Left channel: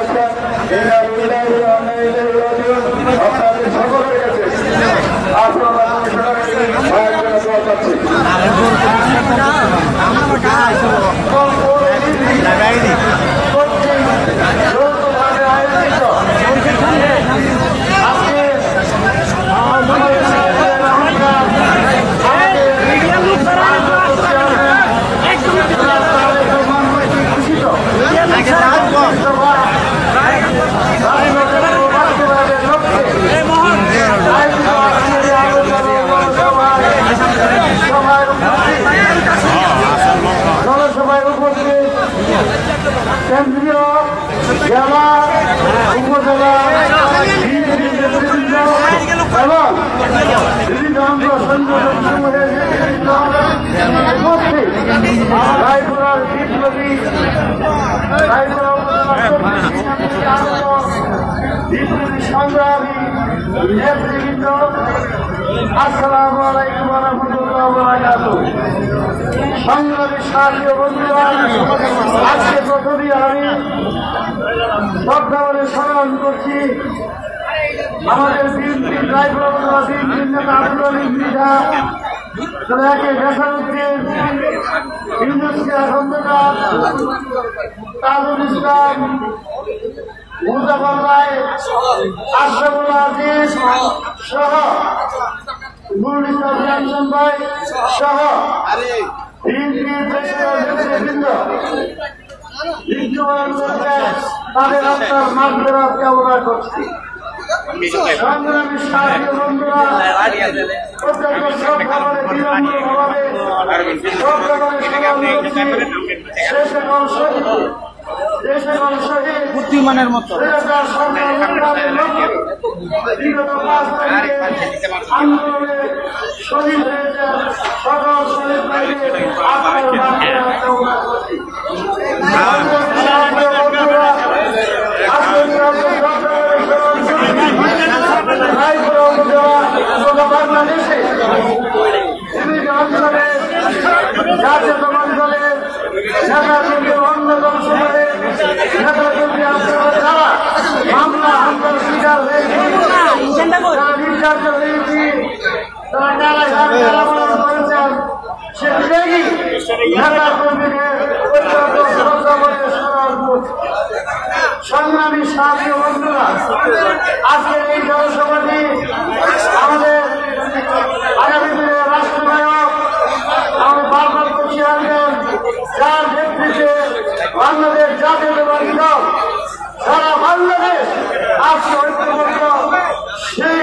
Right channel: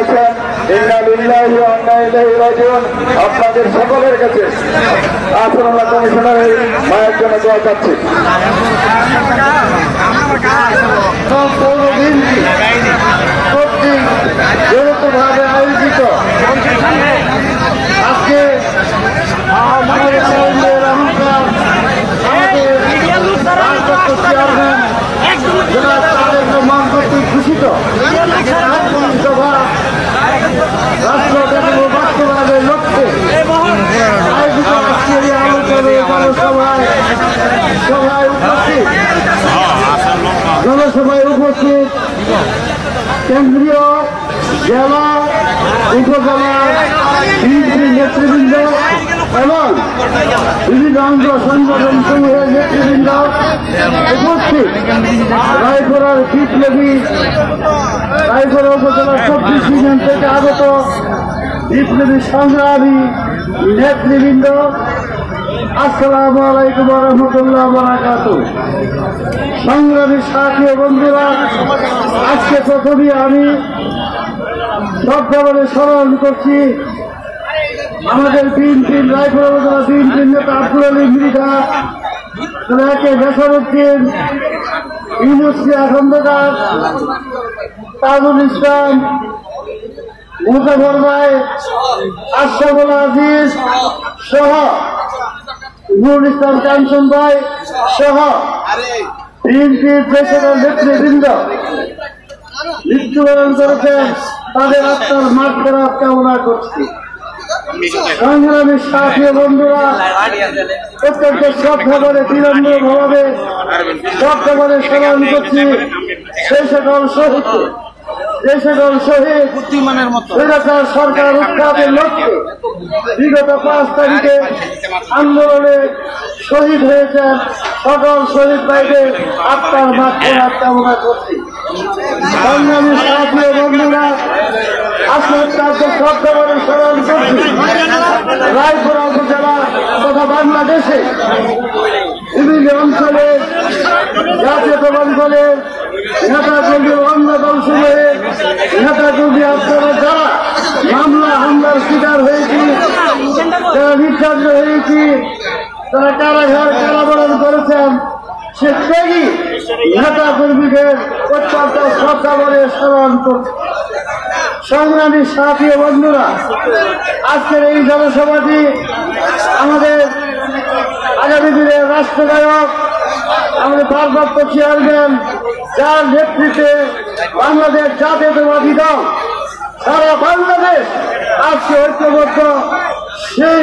আছেন আপনাদের সকলের কাছে আপনারা কমিশনার মায়ের জন্য দোয়া চাচ্ছি। যৌথভাবে আয়োজিত আজকে ঘোষিত জনসভায় উপস্থিত কেন্দ্রীয় জেলা উপজেলা বিএনপি নেতৃবৃন্দ এবং বিভিন্ন অঙ্গ সংগঠন সমূহের নেতৃবৃন্দ উপস্থিত রায়পুরার বিপ্লবী রায়পুরা উপজেলা চব্বিশ ইউনিয়ন থেকে আগত বিপ্লবী সংগ্রামী নেতৃবৃন্দ, আসসালামু আলাইকুম ওয়া রাহমাতুল্লাহি ওয়া বারাকাতুহু। সংগ্রামী সাথী ও বন্ধুরা, আজকে প্রথমেই আমি শ্রদ্ধাভরে স্মরণ করছি আমাদের বিএনপির রায়পুরা উপজেলা বিএনপির নেতা আব্দুল আলী মৃধা, একে বেসারুদ্দিন, ইউনুসিয়া খন্দকার, তাজুল ইসলাম, মুজাফর ভাই, আশরাফুল আজিজ সহ নুরুল ইসলাম কাঞ্চন ভাই সহ বিএনপির দেশের নেতৃবৃন্দ মৃত্যুবরণ করেছেন, তাদের আত্মার মাগফিরাত কামনা করছি। সংগ্রামী সাথী বন্ধুরা, অত্যন্ত শ্রদ্ধাভরে বিনম্রভাবে শ্রদ্ধাভরে স্মরণ করছি সেই সকল শহীদ, যে সকল শহীদ বুদ্ধিমানের মতো সরকার উদ্ধারের লক্ষ্যে বিগত 5 তারিখে আন্দোলনে শহীদ হয়েছে সকল শহীদ ভাইদের আত্মার মাগফিরাত কামনা করছি। রায়পুরা উপজেলা তথা বাংলাদেশে বিভিন্ন অঞ্চলে জাতীয়তাবাদী দলের নেতাকর্মী অন্য দল সমূহের নেতাকর্মী আপনারা যারা মামলা হামলার শিকার হয়েছি, যারা নির্যাতিত হয়েছি, তারা কারাগার কারাবরণ করেছেন, সে ত্যাগী নেতা কর্মীকে অত্যন্ত শ্রদ্ধা করে স্মরণ করছে। সংগ্রামী সাথী বন্ধুরা, আজকের এই জনসভাটি আমাদের আগামী দিনের রাষ্ট্রনায়ক আমাদের ভারপ্রাপ্ত চেয়ারম্যান, যার নেতৃত্বে বাংলাদেশ জাতীয়তাবাদী দল সারা বাংলাদেশ আজকে ঐক্যবদ্ধ, সেই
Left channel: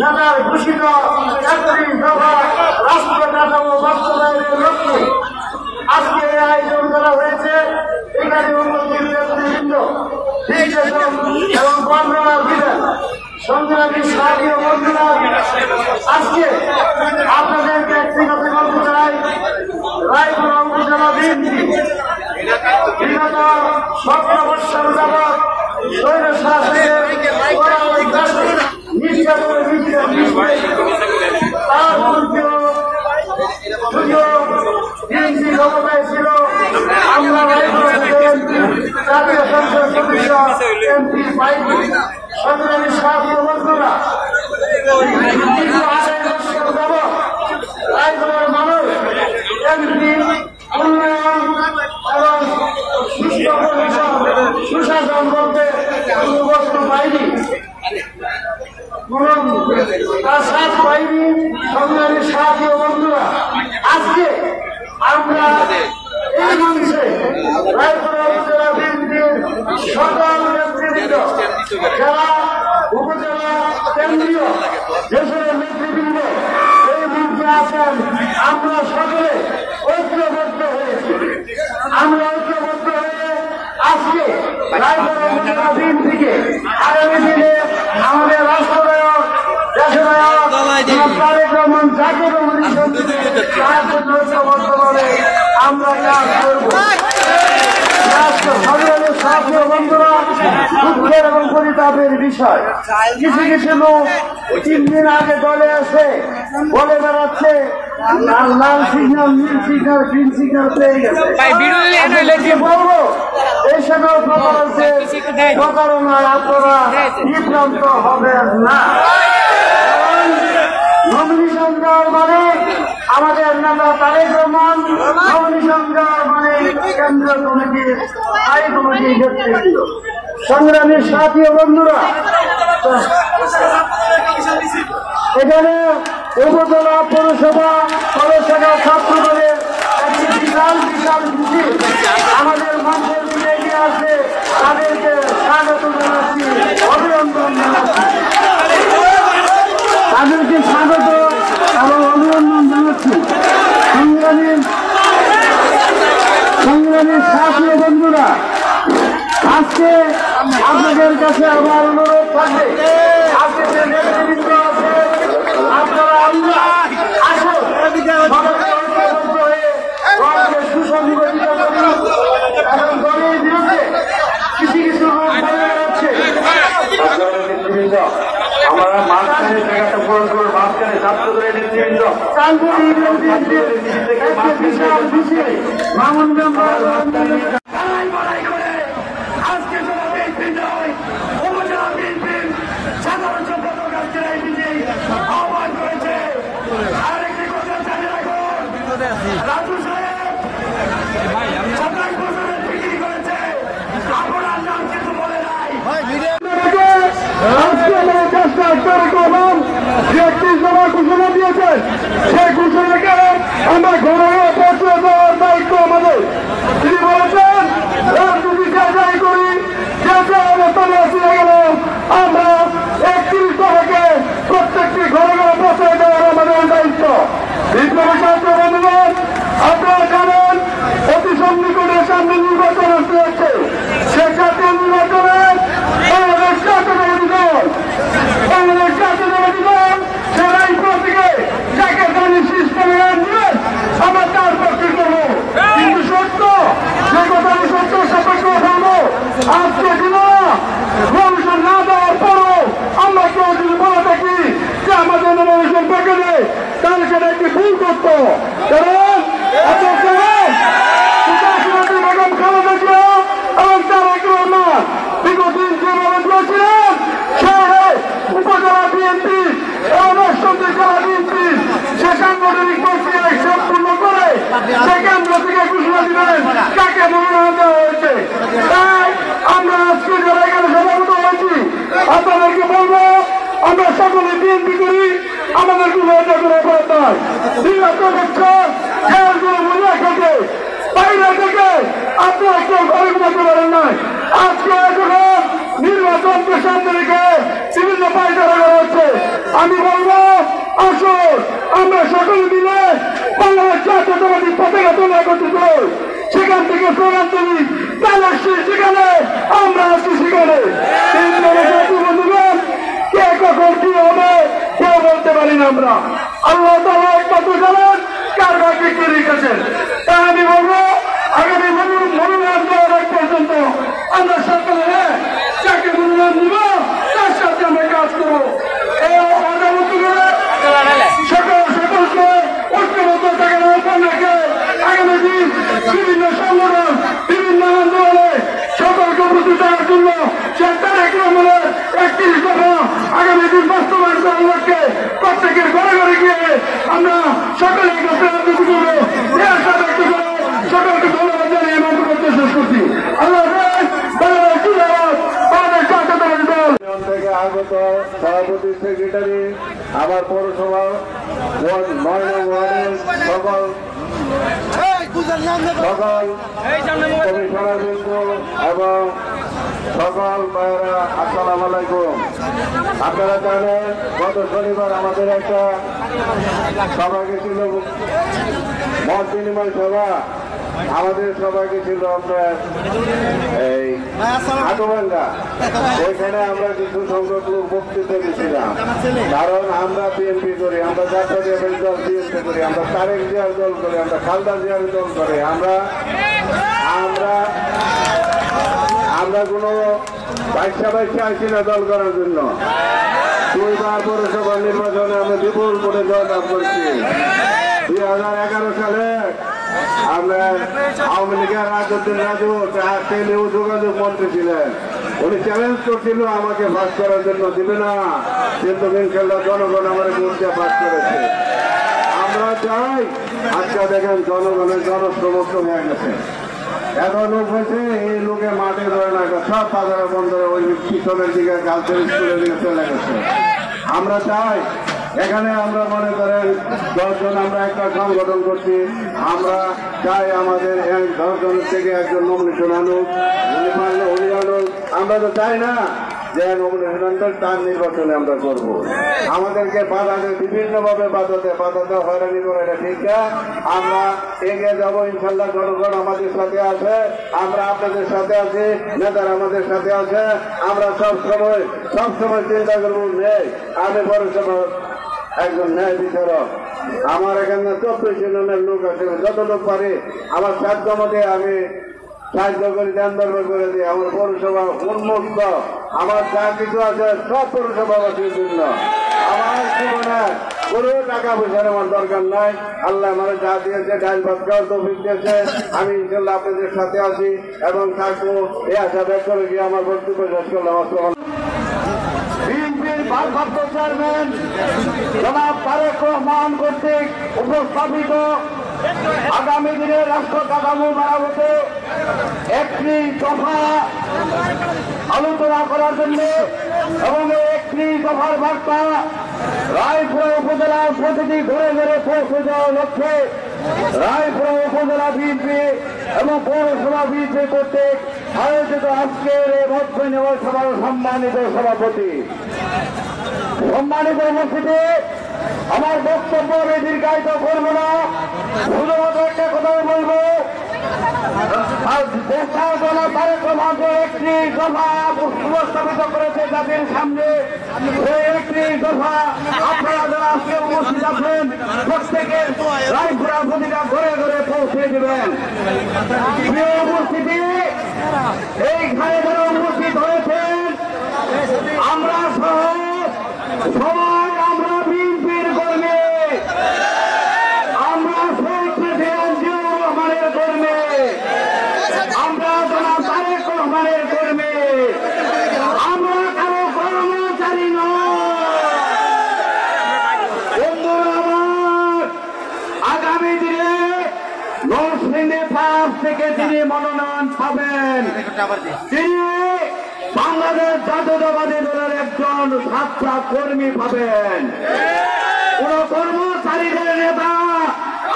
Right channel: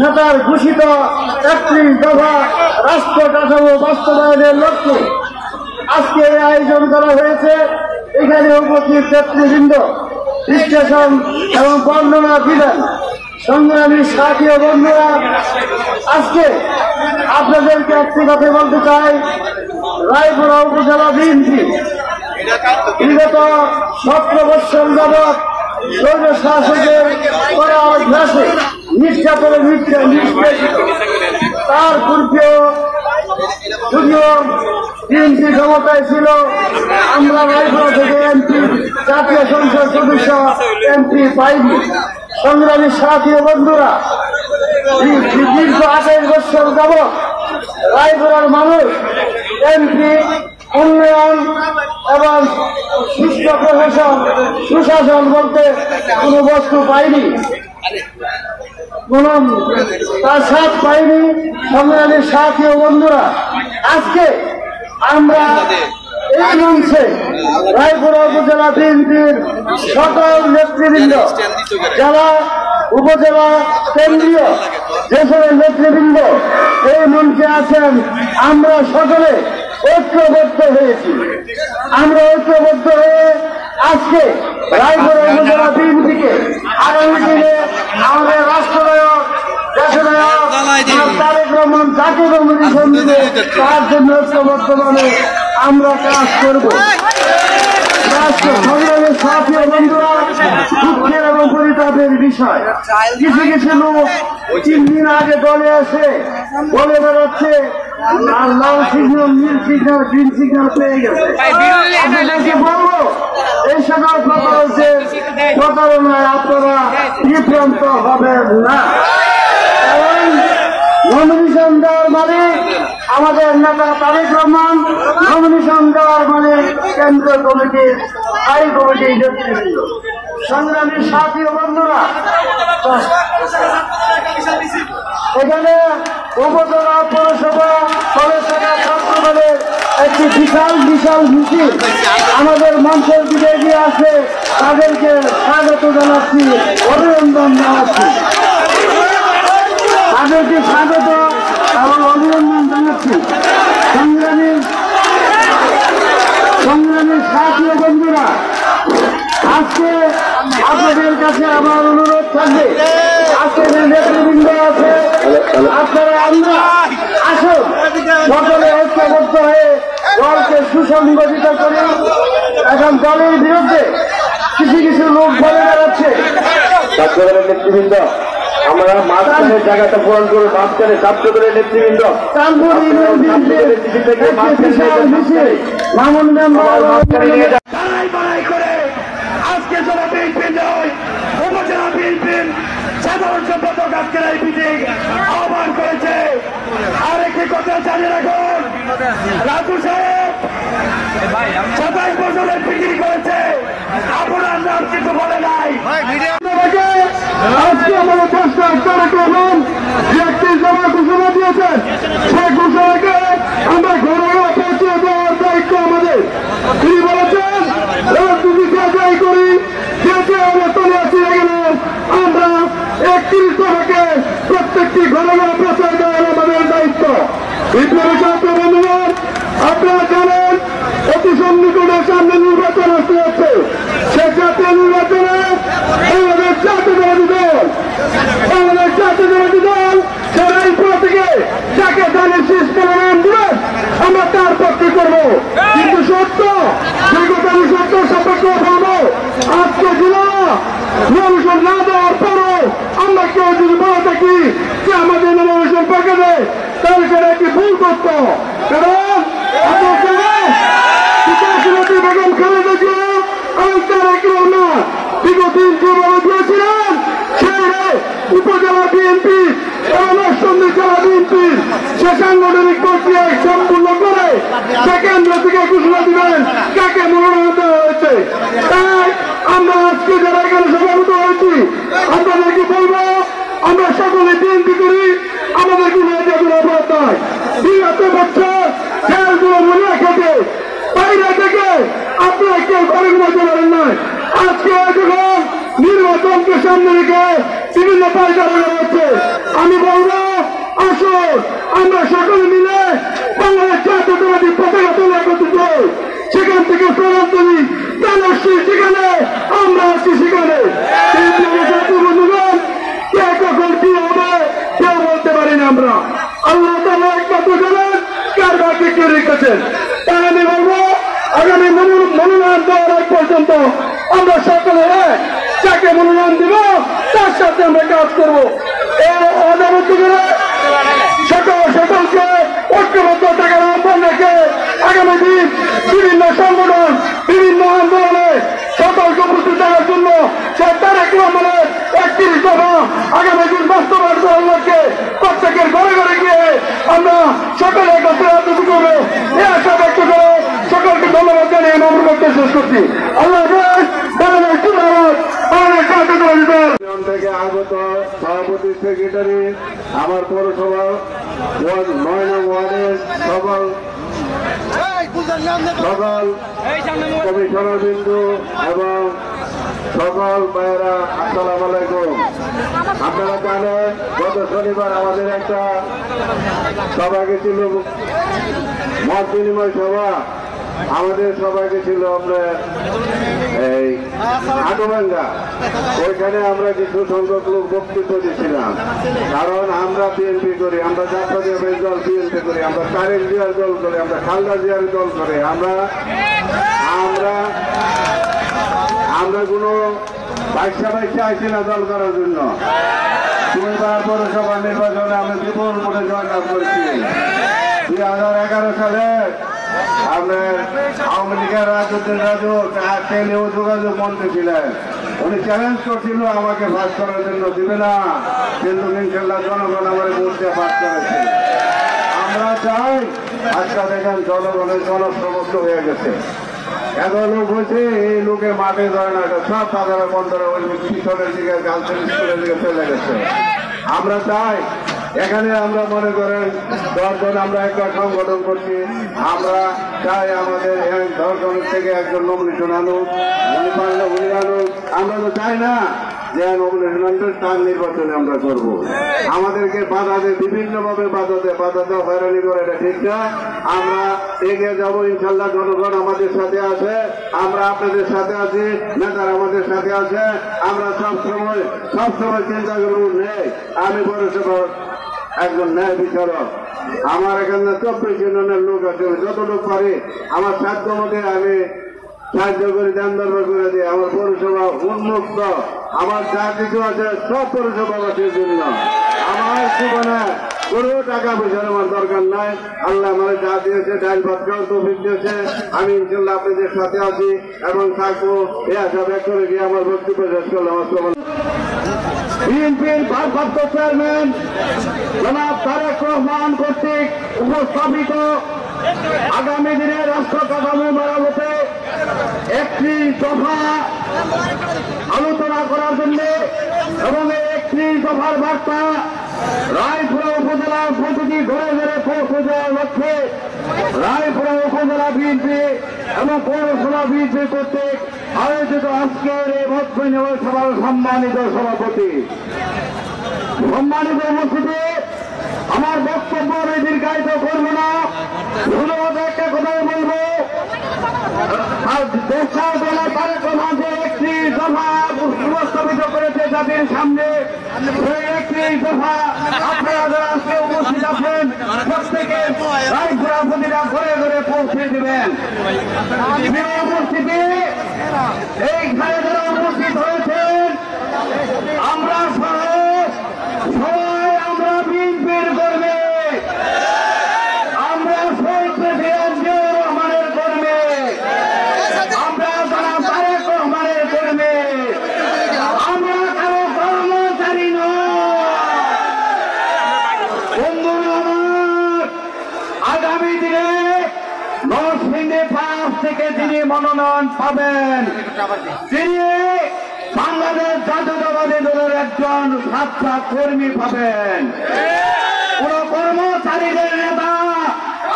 নেতার ঘোষিত 31 দফা রাষ্ট্র কাঠামো বাস্তবায়নের লক্ষ্যে আজকে এই আয়োজন করা হয়েছে। এখানে উপস্থিত নেতৃবৃন্দ বিশ্লেষণ এবং বর্ণনা দিবেন। সংগ্রামী সাথী বন্ধুরা, আজকে আপনাদেরকে একটি কথা বলতে চাই, রায়পুরা উপজেলা বিএনপি বিগত 17 বৎসর যাবৎ স্বৈর শাসকের নির্যাতনের তার পূর্বেও যদিও বিএনপি ক্ষমতায় ছিল, আমরা রায়পুরা থেকে এমপি, জাতীয় সংসদ সদস্য এমপি পাইনি। সংগ্রামী সাথী বন্ধুরা, দীর্ঘ 28 বৎসর যাবৎ রায়পুরার মানুষ এমপি, উন্নয়ন এবং সুস্থ প্রশাসন, সুশাসন বলতে কোন বস্তু পাইনি, কোন প্রাসাদ পাইনি। সংগ্রামী সাথী বন্ধুরা, আজকে আমরা এই মঞ্চে রায়পুরা উপজেলা বিএনপির সকল নেতৃবৃন্দ, যারা উপজেলা কেন্দ্রীয় যে সকল নেতৃবৃন্দ এই মঞ্চে আছেন, আমরা সকলে ঐক্যবদ্ধ হয়েছি। আমরা ঐক্যবদ্ধ হয়ে আজকে রায়পুরা উপজেলা বিএনপিকে আগামী দিনে আমাদের রাষ্ট্রনায়ক, দেশনায়ক তারেক রহমান জাতীয় সঙ্গীতে তার জন্য ঐক্যবদ্ধভাবে আমরা কাজ করব। সংগ্রামের সাথী বন্ধুরা, দুঃখের এবং পরিতাপের বিষয়, কিছু কিছু লোক 3 দিন আগে দলে এসে বলে বেড়াচ্ছে লাল সিগন্যাল, নীল সিগন্যাল, গ্রিন সিগন্যাল পেয়ে গেছে। বলবো এই সকল প্রতারণায় আপনারা বিভ্রান্ত হবেন না। নমিনেশন দেওয়ার মানে আমাদের নেতা তারেক রহমান, নমিনেশন দেওয়ার মানে কেন্দ্রীয় কমিটির স্থায়ী কমিটির নেতৃত্ব। সংগ্রামী সাথী ও বন্ধুরা, এখানে উপজেলা পৌরসভা পৌরসভা ছাত্রদলের একটি বিশাল মিছিল আমাদের মঞ্চের দিকে এগিয়ে আসে। তাদেরকে স্বাগত জানাচ্ছি, অভিনন্দন জানাচ্ছি। তাদেরকে স্বাগত এবং অভিনন্দন জানাচ্ছি। সংগ্রামী সাথী ও বন্ধুরা, আজকে আপনাদের কাছে আমার অনুরোধ থাকবে, আজকে যে নেতৃবৃন্দ আছে আপনারা আমরা আসুন সকলে ঐক্যবদ্ধ হয়ে দলকে সুসংগঠিত করি। এখন দলের বিরুদ্ধে কিছু লোক বলে বেড়াচ্ছে। নেতৃবৃন্দ আমরা মাঝখানের জায়গাটা পূরণ করে বাদ করে ছাত্রদলের নেতৃবৃন্দ আজকে যারা বিএনপি নয় উপজেলা বিএনপির সাধারণ সম্পাদক আজকের এই মিটিং আহ্বান করেছে। আরেকটি কথা জানিয়ে রাখুন, রাজু সাহেব 27 বছরের পিটিং করেছে, আপনার নাম কিন্তু বলে নাই। আজকে আমাদের কাজটা করবেন যে একটি জমা ঘোষণা দিয়েছেন, সেই ঘোষণাকে আমরা ঘরোয়া পৌঁছে দেওয়ার দায়িত্ব আমাদের। তিনি বলেছেন রাজনীতি যাই করি, যে অবস্থানে আসি না গেল আমরা 31 দফাকে প্রত্যেকটি ঘরে ঘরে পৌঁছে দেওয়ার আমাদের দায়িত্ব। বিপ্লবী ছাত্র বন্ধুগণ, আপনারা জানেন অতি সন্নিকটের সামনে নির্বাচন আসতে হচ্ছে। সে জাতীয় নির্বাচনে বাংলাদেশ জাতীয়তাবাদী দল সেরাই থেকে যাকে জানি শীষ প্রমাণ দিবেন আমরা তার পক্ষে করবো। কিন্তু সত্য যে কথা সত্য সাপেক্ষ ফেলবো। আজকে দিল নমিনেশন না দেওয়ার পরও আমরা কেউ যদি বলে থাকি যে আমাদের নমিনেশন পেকে দেয় তাহলে সেটা একটি ভুল করত। কারণ বেগম খালেদা জিয়া এবং তারেক রহমান দীর্ঘদিন যেভাবে দিয়েছিলেন সেই উপজেলা বিএনপি এবং অষ্টমী জেলা বিএনপি সে সাংগঠনিক প্রক্রিয়ায় সম্পূর্ণ করে সে কেন্দ্র থেকে ঘোষণা দিবেন কাকে মনোনয়ন দেওয়া হয়েছে। তাই আমরা আজকে যারা এখানে সমাবেত হয়েছি আপনাদেরকে বলবো আমরা সকলে বিএনপি করি, আমাদের কোনো এটা কোনো অপরাধ নয়। 2 বছর জেলগুলো মনে খেতে বাইরে থেকে আপনারা কেউ ঘরে ঘুমাতে পারেন নাই। আজকে যখন নির্বাচনকে সামনে রেখে বিভিন্ন পায়চারা করা হচ্ছে, আমি বলবো আসুন আমরা সকলে মিলে বাংলাদেশ জাতীয়তাবাদী পতাকা তোলা একত্রিত হই, সেখান থেকে স্লোগান তুলি তাহলে সেখানে আমরা আছি সেখানে। বন্ধুগণ, কে কখন কি হবে কেউ বলতে পারি না আমরা। আল্লাহ তাআলা একমাত্র জানেন কার ভাগ্যে কে রেখেছেন। তাই আমি বলবো আগামী মনোনয়ন দেওয়ার আগ পর্যন্ত আমরা সকলে যাকে মনোনয়ন দিব তার সাথে আমরা কাজ করবো। সকলকে ঐক্যবদ্ধ থেকে আহ্বান রেখে আগামী দিন বিভিন্ন সংগঠন বিভিন্ন আন্দোলনে সকলকে উপস্থিত থাকার জন্য সে তারেক রহমানের 31 দফা আগামী দিন বাস্তবায়ন করার লক্ষ্যে প্রত্যেকের ঘরে ঘরে গিয়ে আমরা সকলে কাছে রাজনীতি করবো। এ আশা ব্যক্ত করে সকলকে ধন্যবাদ জানিয়ে আমার বক্তব্য শেষ করছি। আল্লাহ থেকে আগত সভাপতি সেক্রেটারি আমার পৌরসভা 9 নং ওয়ার্ডের সকল কমিশনার বিন্দু এবং সকল ভাইয়েরা আসসালামু আলাইকুম। আপনারা জানেন গত শনিবার আমাদের একটা সভা গেছিল, মত বিনিময় সভা। আমাদের সবাইকে ছিল আমরা এই আটোভাঙ্গা, ওইখানে আমরা কিছু সংখ্যক লোক বক্তৃতা দিচ্ছিলাম। কারণ আমরা বিএনপি করি, আমরা জাতীয় দল বিএনপি করি, আমরা তারেক জিয়ার দল করি, আমরা খালেদা জিয়ার দল করি। আমরা কোনো বাইশা আইসি না দল করার জন্য। পৌরসভা নির্বাচনে আমি বিপুল ভোটে জয়লাভ করছি। 2011 সালে আপনার আওয়ামী লীগের রাজু টেলিও যোগাযোগ মন্ত্রী ছিলেন, উনি চ্যালেঞ্জ করছিল আমাকে পাস করার জন্য, দিবে না, কিন্তু ইনশাল্লাহ জনগণ আমার বুঝতে পাস করেছে। আমরা চাই আজকে দেখেন জনগণের জনসমর্থ হয়ে গেছে, এত লোক হয়েছে, এই লোকে মাঠে ধরে না, সব বাজারে বন্ধরে ওই পিছনের দিকে গার্লসের স্কুলের দিকে চলে গেছে। আমরা চাই এখানে আমরা মনে করেন 10 জন আমরা একটা সংগঠন করছি, আমরা চাই আমাদের 10 জনের থেকে একজন নমিনেশন আনুক, আমরা তো চাই না যে নমিনেশনের তার নির্বাচনে আমরা করবো। আমাদেরকে বাধা দেয়, বিভিন্ন ভাবে বাধা দেয়, হয়রানি করে, এটা ঠিক না। আমরা এগিয়ে যাবো ইনশাল্লাহ, জনগণ আমাদের সাথে আছে, আমরা আপনাদের সাথে আছি, নেতারা আমাদের সাথে আছে। আমরা সবসময় চিন্তা করবো নেই, আমি বড় সভা একজন ন্যায় বিচারক, আমার এখানে 24 জনের লোক আছে, যত লোক পারি আমার সাধ্য মতে আমি সাহায্য করে দান দরবার করে দিই। আমার পৌরসভা উন্মুক্ত, আমার যা কিছু আছে সব পৌরসভাবাসীর জন্য। আমার জীবনে কোনো টাকা পয়সার আমার দরকার নাই, আল্লাহ আমার যা দিয়েছে ডাইল ভাত খাওয়ার তৌফিক দিয়েছে, আমি ইনশাল্লাহ আপনাদের সাথে আছি এবং থাকবো। এই আশা ব্যক্ত করে গিয়ে আমার বক্তব্য শেষ করলাম। বিএনপির ভারপ্রাপ্ত চেয়ারম্যান জনাব তারেক রহমান কর্তৃক উপস্থাপিত আগামী দিনে রাষ্ট্র কাঠামো মেরামতে একটি দফা আলোচনা করার জন্য এবং এই একটি দফার বার্তা রায়পুরা উপজেলার প্রতিটি ঘরে ঘরে পৌঁছে দেওয়ার লক্ষ্যে রায়পুরা উপজেলা বিএনপি এবং পৌরসভা বিএনপি কর্তৃক আয়োজিত আজকের এই ভোটবিনিময় সভার সম্মানিত সভাপতি, সম্মানিত উপস্থিতি, আমার বক্তব্য আমি দীর্ঘায়িত করব না, শুধুমাত্র একটা কথাই বলবো। দেশের দলে তারেক রহমানকে একটি দফা উপস্থাপিত করেছে জাতির সামনে, সেই একটি দফা আপনারা যারা আজকে উপস্থিত আছেন প্রত্যেকে রায়পুরা প্রতিটা ঘরে ঘরে পৌঁছে দেবেন। উপস্থিতি এইখানে যারা উপস্থিত হয়েছেন আমরা সহ সবাই আমরা বিএনপির কর্মী, আমরা শহীদ প্রেসিডেন্ট জিয়াউর রহমানের কর্মী, আমরা জনাব তারেক রহমানের কর্মী, আমরা কারো কর্মচারী নয়। বন্ধুরা আমার, আগামী দিনে নরসিংদী 5 থেকে তিনি মনোনয়ন পাবেন, তিনি বাংলাদেশ জাতীয়তাবাদী দলের একজন ছাত্র কর্মী পাবেন। কোন কর্মচারীদের নেতা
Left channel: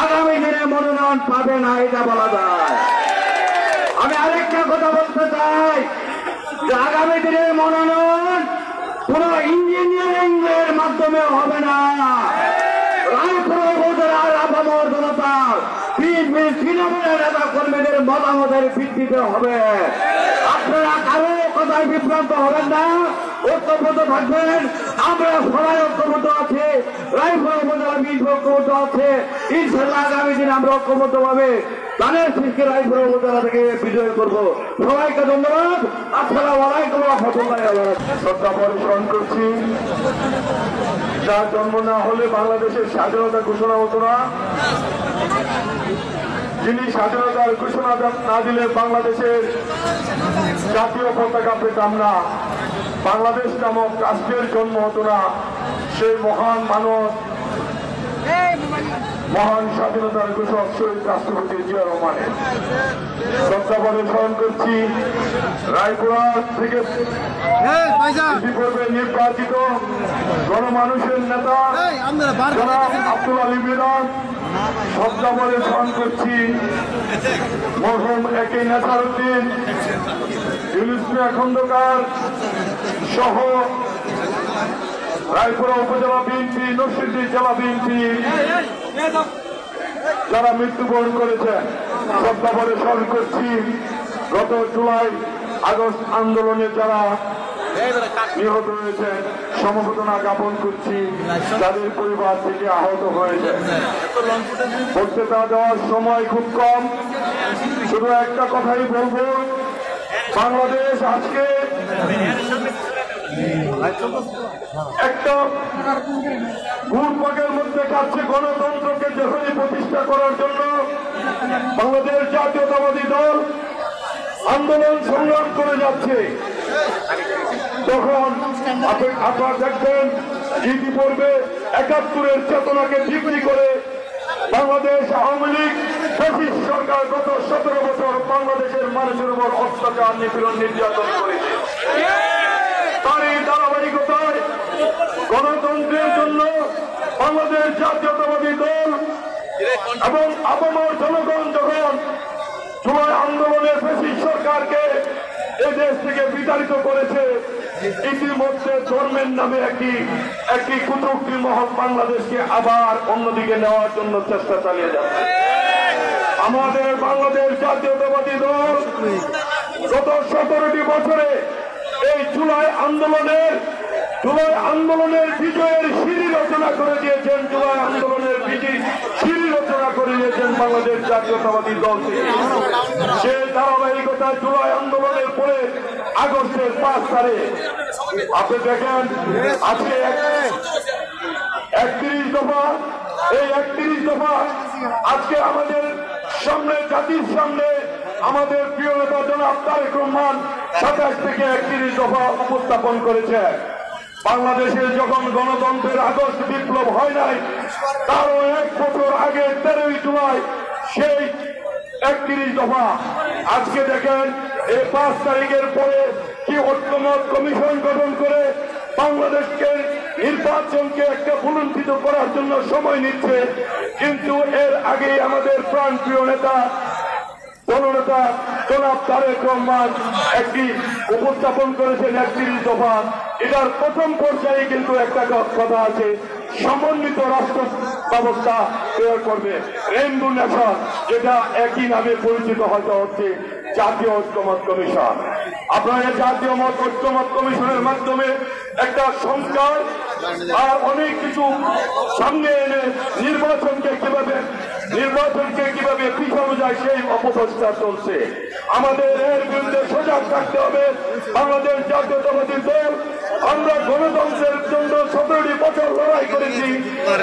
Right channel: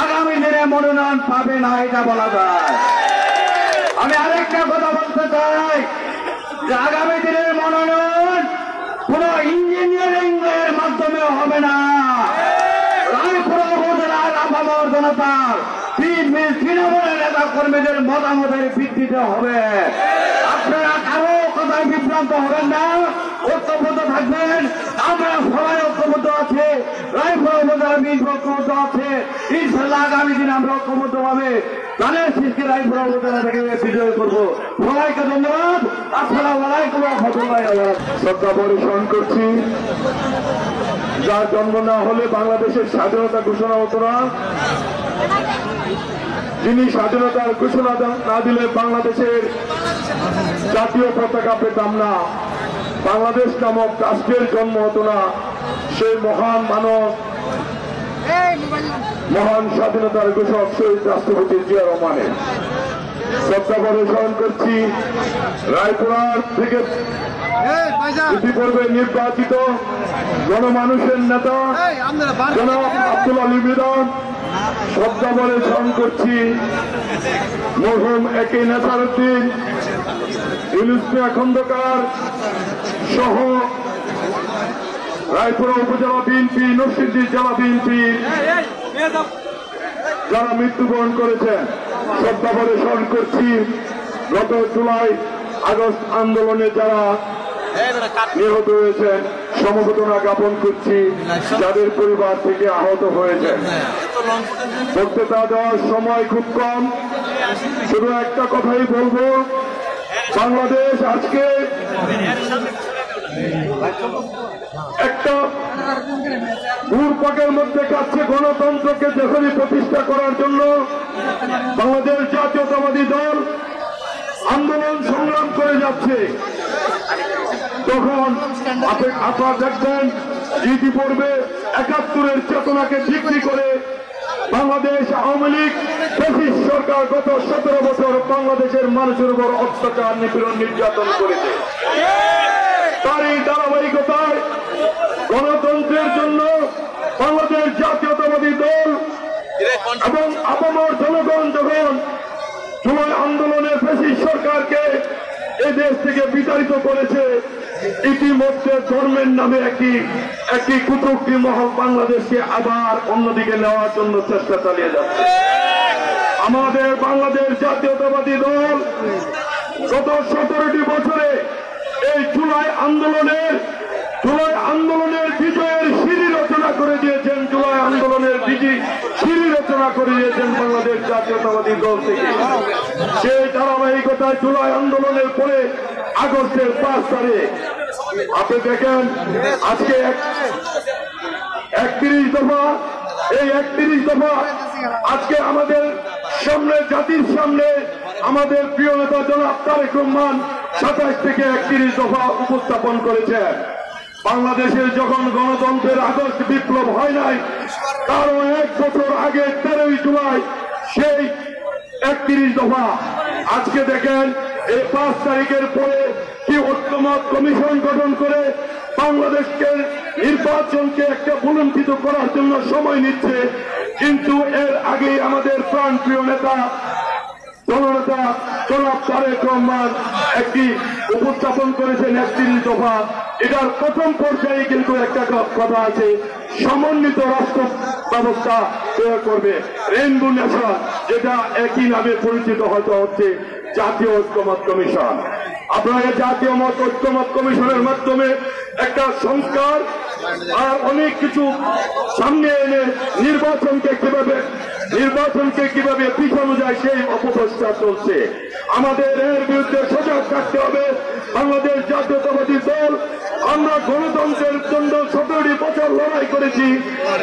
আগামী দিনে মনোনয়ন পাবে না, এটা বলা যায়। আমি আরেকটা কথা বলতে চাই যে আগামী দিনের মনোনয়ন কোন ইঞ্জিনিয়ারিং এর মাধ্যমে হবে না। রায়পুরা উপজেলার আপামর জনতার তৃণমূলের নেতা কর্মীদের মতামতের ভিত্তিতে হবে। আপনারা কারো কথায় বিভ্রান্ত হবেন না, ঐক্যবদ্ধ থাকবেন। আমরা সবাই ঐক্যবদ্ধ আছে, রায়পুরা উপজেলা বিএনপি ঐক্যবদ্ধ আছে। ইনশাল্লাহ আগামী দিনে আমরা ঐক্যবদ্ধ ভাবে ধানের শীষকে রায়পুরা উপজেলা থেকে বিজয় করবো। সবাইকে ধন্যবাদ। আসসালামু আলাইকুম ওয়া রাহমাতুল্লাহি ওয়া বারাকাতুহু। শ্রদ্ধা পরিবেশন করছি। যার জন্ম না হলে বাংলাদেশের স্বাধীনতা ঘোষণা হতো না, যিনি স্বাধীনতার ঘোষণা না দিলে বাংলাদেশের জাতীয় পতাকা পেতাম না, বাংলাদেশ নামক রাষ্ট্রের জন্ম হতো না, সেই মহান মানুষ, মহান স্বাধীনতার ঘোষক শহীদ রাষ্ট্রপতি জিয়া রহমানের শ্রদ্ধা পরিবেশন করছি। রায়পুরা থেকে ইতিপূর্বে নির্বাচিত গণমানুষের নেতা জনাব আব্দুল আলী বিরান শ্রদ্ধা পরিবেশন করছি। মরহুম একে নেসারউদ্দিন, ইউনুস মিয়া খন্দকার সহ রায়পুরা উপজেলা বিএনপি, নরসিংদী জেলা বিএনপি যারা মৃত্যুবরণ করেছেন শ্রদ্ধা পরিবেশন করছি। গত জুলাই আগস্ট আন্দোলনে যারা নিহত হয়েছেন সমবেদনা জ্ঞাপন করছি, যাদের পরিবার থেকে আহত হয়েছে। বক্তৃতা দেওয়ার সময় খুব কম, শুধু একটা কথাই বলবো, বাংলাদেশ আজকে একটা ঘুরপাকের মধ্যে কাছে গণতন্ত্রকে যেখানে প্রতিষ্ঠা করার জন্য বাংলাদেশ জাতীয়তাবাদী দল আন্দোলন সংগ্রাম করে যাচ্ছে, তখন আপনারা দেখবেন ইতিপূর্বে ৭১-এর চেতনাকে বিক্রি করে বাংলাদেশ আওয়ামী লীগ ফ্যাসিস্ট সরকার গত ১৭ বছর বাংলাদেশের মানুষের উপর অত্যাচার নিপীড়ন নির্যাতন করেছে। তারই ধারাবাহিকতায় গণতন্ত্রের জন্য বাংলাদেশ জাতীয়তাবাদী দল এবং আপামর জনগণ যখন জুলাই আন্দোলনে ফ্যাসিস্ট সরকারকে এই দেশ থেকে বিতাড়িত করেছে, ইতিমধ্যে ধর্মের নামে একটি কুচক্রী মহল বাংলাদেশকে আবার অন্যদিকে নেওয়ার জন্য চেষ্টা চালিয়ে যাচ্ছে। আমাদের বাংলাদেশ জাতীয়তাবাদী দল গত ১৭টি বছরে এই জুলাই আন্দোলনের বিজয়ের সিঁড়ি রচনা করে দিয়েছেন, জুলাই আন্দোলনের সিঁড়ি রচনা করে দিয়েছেন বাংলাদেশ জাতীয়তাবাদী দল থেকে। সেই ধারাবাহিকতায় জুলাই আন্দোলনের পরে আগস্টের ৫ তারিখ আপনি দেখেন আজকে ৩১ দফা, এই ৩১ দফা আজকে আমাদের সামনে, জাতির সামনে আমাদের প্রিয় নেতা জনাব তারেক রহমান ২৭ থেকে ৩১ দফা উপস্থাপন করেছেন। বাংলাদেশে যখন গণতন্ত্রের আগস্ট বিপ্লব হয় নাই, তারও ১ বছর আগে ১৩ই জুলাই সেই ৩১ দফা। আজকে দেখেন এই ৫ তারিখের পরে কি ঐক্যমত কমিশন গঠন করে বাংলাদেশকে নির্বাচনকে একটা ভুলুণ্ঠিত করার জন্য সময় নিচ্ছে, কিন্তু এর আগেই আমাদের প্রাণপ্রিয় নেতা দলনেতা জনাব তারেক রহমান একটি উপস্থাপন করেছেন ৩১ দফা। এটার প্রথম পর্যায়ে কিন্তু একটা কথা আছে, সমন্বিত রাষ্ট্র ব্যবস্থা তৈরি করবে, রেইনবো নেশন, যেটা একই নামে পরিচিত হচ্ছে জাতীয় ঐক্যমত কমিশন। আপনারা জাতীয় ঐক্যমত কমিশনের মাধ্যমে একটা সংস্কার আর অনেক কিছু সামনে এনে নির্বাচনকে কিভাবে পিছানো যায় সেই অপপ্রচেষ্টা চলছে। আমাদের এর বিরুদ্ধে সজাগ থাকতে হবে। বাংলাদেশ জাতীয়তাবাদী দল আমরা গণতন্ত্রের জন্য ১৭টি বছর লড়াই করেছি।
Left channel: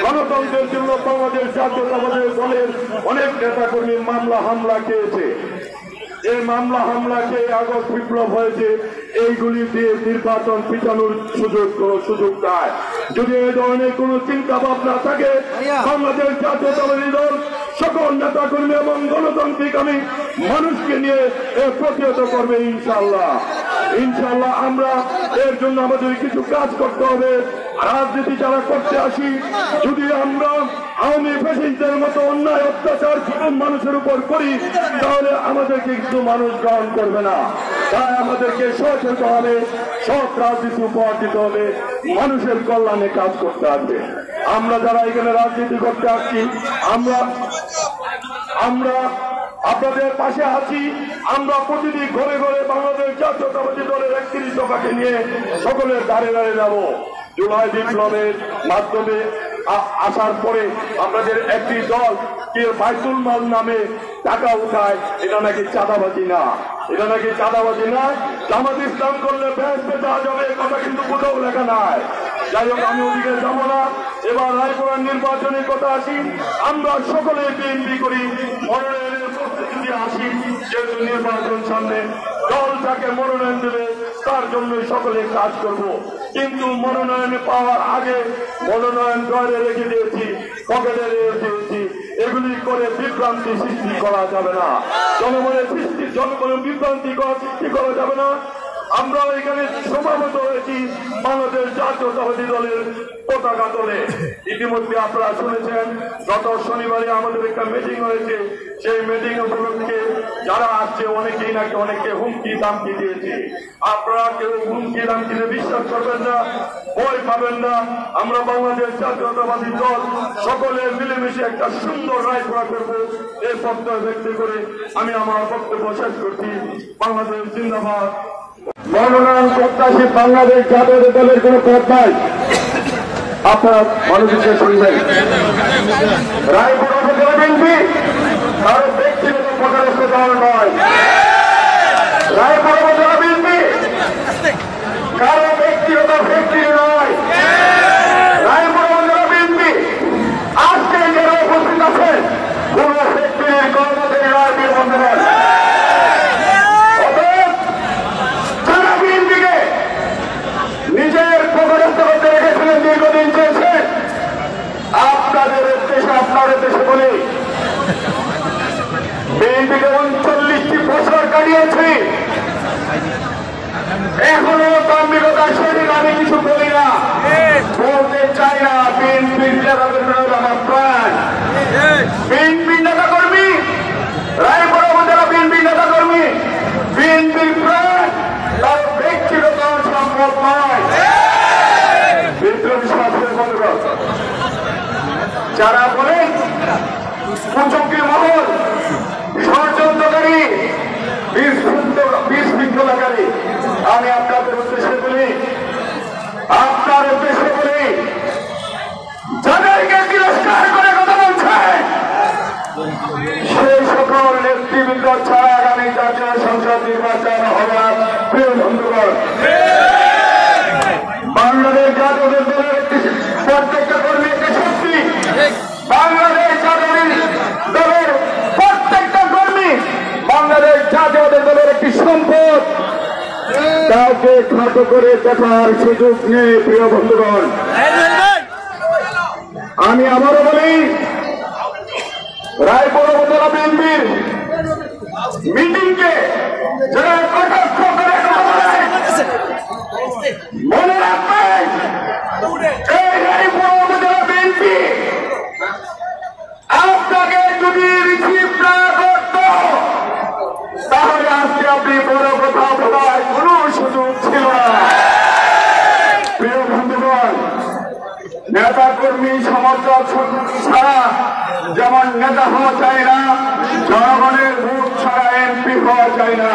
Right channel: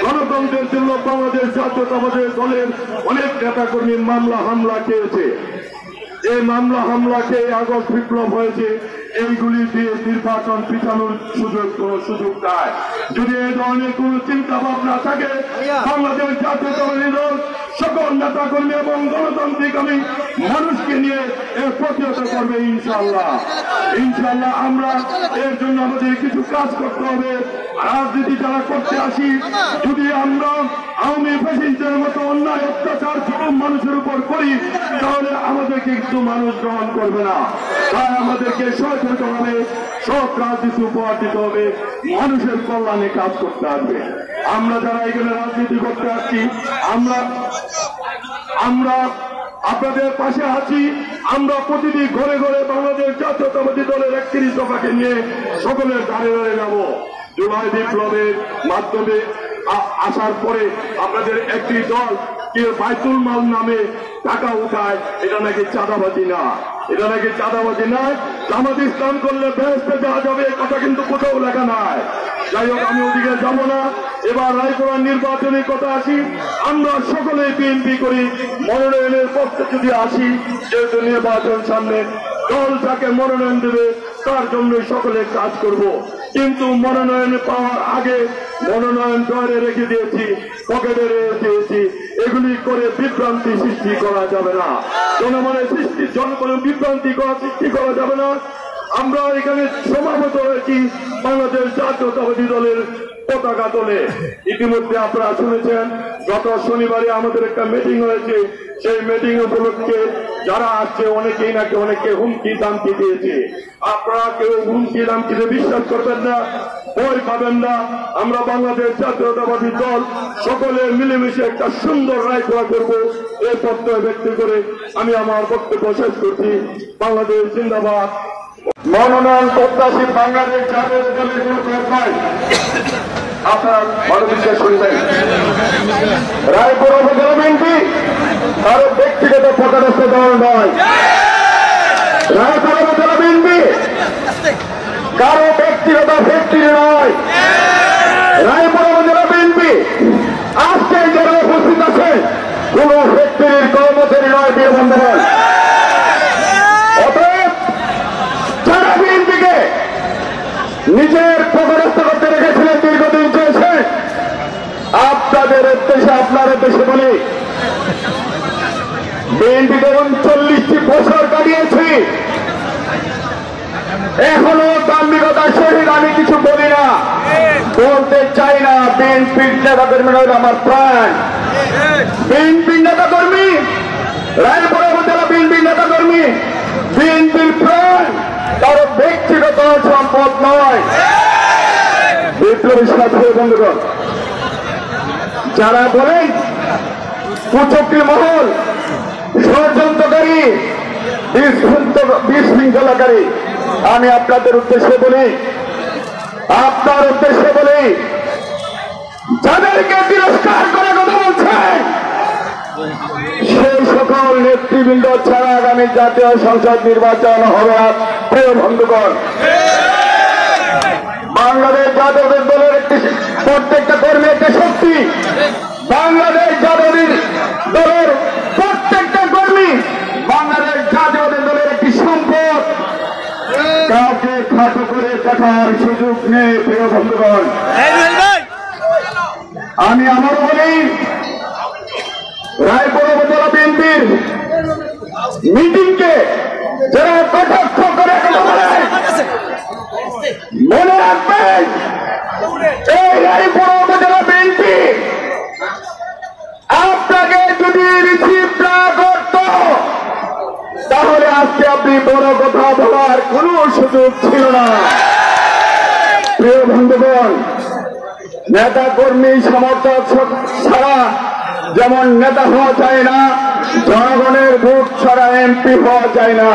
গণতন্ত্রের জন্য বাংলাদেশ জাতীয়তাবাদী দলের অনেক নেতাকর্মী মামলা হামলা খেয়েছে। এই মামলা হামলাকে আগস্ট বিপ্লব হয়েছে, এইগুলি দিয়ে নির্বাচন পিছানোর সুযোগ দেয়। যদি এই ধরনের কোন চিন্তা ভাবনা থাকে, বাংলাদেশ জাতীয়তাবাদী দল সকল নেতাকর্মী এবং গণতান্ত্রিক মানুষকে নিয়ে প্রতিহত করবে ইনশাআল্লাহ। আমরা এর জন্য আমাদের কিছু কাজ করতে হবে। রাজনীতি যারা করতে আসি, যদি আমরা আওয়ামী ফ্যাসিস্টদের মতো অন্যায় অত্যাচার জুলুম মানুষের উপর করি, তাহলে আমাদেরকে কিন্তু মানুষ গ্রহণ করবে না। তাই আমাদেরকে সচেতন হবে, সব রাজনীতি উপহার দিতে হবে, মানুষের কল্যাণে কাজ করতে হবে। আমরা যারা এখানে রাজনীতি করতে আসছি, আমরা আপনাদের পাশে আছি। আমরা প্রতিদিন ঘরে ঘরে বাংলাদেশ জাতীয়তাবাদী দলের ৩১ দফাকে নিয়ে সকলের ধারে ধারে যাব। জুলাই বিপ্লবের মাধ্যমে আসার পরে আপনাদের একটি দল কে বাইতুল মাল নামে টাকা উঠায়, এটা নাকি চাঁদাবাজি না, জামাত ইসলাম করলে বেহেশতে যাওয়া যাবে, কথা কিন্তু কোথাও লেখা নাই। যাই হোক, আমি ওদিকে যাব না। এবার রায়পুরা নির্বাচনের কথা আসি। আমরা সকলে বিএনপি করি, মনোনয়নের পক্ষে যদি আসি, যেহেতু নির্বাচন সামনে, দল যাকে মনোনয়ন দেবে তার জন্যই সকলে কাজ করব। কিন্তু মনোনয়ন পাওয়ার আগে মনোনয়ন ঘরে রেখে দিয়েছি, পকেটে রেখে দিয়েছি, এগুলি করে বিভ্রান্তি সৃষ্টি করা যাবে না। জনগণের বিভ্রান্তি সৃষ্টি করা যাবে না। আমরা এখানে সমাবেত হয়েছি বাংলাদেশ জাতীয়তাবাদী দলের পতাকা তোলে। ইতিমধ্যে আপনারা শুনেছেন, গত শনিবারে আমাদের একটা মিটিং হয়েছে। সেই মিটিং উপলক্ষে যারা আসছে অনেকে হুমকি দামকি দিয়েছে। আপনারা কেউ হুমকি দামকিতে বিশ্বাস করবেন না, ভয় পাবেন না। আমরা বাংলাদেশ জাতীয়তাবাদী দল সকলে মিলেমিশে একটা সুন্দর রায় করব, এই প্রত্যয় ব্যক্ত করে আমি আমার বক্তব্য শেষ করছি। বাংলাদেশ জিন্দাবাদ। মনোনয়ন প্রত্যাশী বাংলাদেশ জাতীয় দলের কোন পদ নাই। আপনার অনুমতি শুনবেন, কারো ব্যক্তিগত পদস্থ দল নয়। রায় পরবর্তী বিএনপি কারো ব্যক্তিগত ফ্যাক্টরি নয়। রায়পুর উপজেলা বিএনপি আজকে যারা উপস্থিত আছে কোন ফ্যাক্টরির কর্মচারী নয় প্রিয় বন্ধুগণ। অতএব যারা বিএনপিকে নিজের পদস্থ করতে রেখেছিলেন দীর্ঘদিন চলছে, আপনাদের উদ্দেশ্যে আপনার উদ্দেশ্যে বলি, বিএনপিকে 39টি বছর কাটিয়েছি, এখনো দাম্ভিকতার সহিত আমি কিছু বলি না, বলতে চাই না। বিএনপির নেতা কর্মীরা আমার প্রাণ, বিএনপির নেতা কর্মী, রায়পুর উপজেলা বিএনপির নেতা কর্মী, বিএনপির প্রাণ, তার ব্যক্তিগত সম্পদ নয়। বিপ্লবী সাথী বন্ধুগণ, যারা বলেন কুচক্রী মহল, ষড়যন্ত্রকারী, বিশৃঙ্খলাকারী, আমি আপনাদের উদ্দেশ্যে বলি, আপনার উদ্দেশ্যে বলি, যাদেরকে তিরস্কার করে কথা বলছে সেই সকল নেতৃবৃন্দ ছাড়া আগামী জাতীয় সংসদ নির্বাচন হবে না প্রিয় বন্ধুগণ। বাংলাদেশ জাতীয় দলের একটি প্রত্যেকটা কর্মী একটি শক্তি, বাংলাদেশ জাতীয় দলের প্রত্যেকটা কর্মী বাংলাদেশ জাতীয় দলের একটি সম্পদ। কাউকে খাটো করে দেখার সুযোগ নেই প্রিয় বন্ধুগণ। আমি আবারও বলি, রায়পুর উপজেলা বিএনপির মিটিংকে যারা কটাক্ষ করে মনে রাখবেন, এই রায়পুর উপজেলা বিএনপি আপনাকে যদি রিসিভ না করত তাহলে আজকে আপনি বড় কথা বলার কোন সুযোগ ছিল না। প্রিয় বন্ধুগণ, নেতা কর্মী সমর্থক ছাড়া যেমন নেতা হওয়া যায় না, জনগণের ভোট ছাড়া এমপি হওয়া যায় না।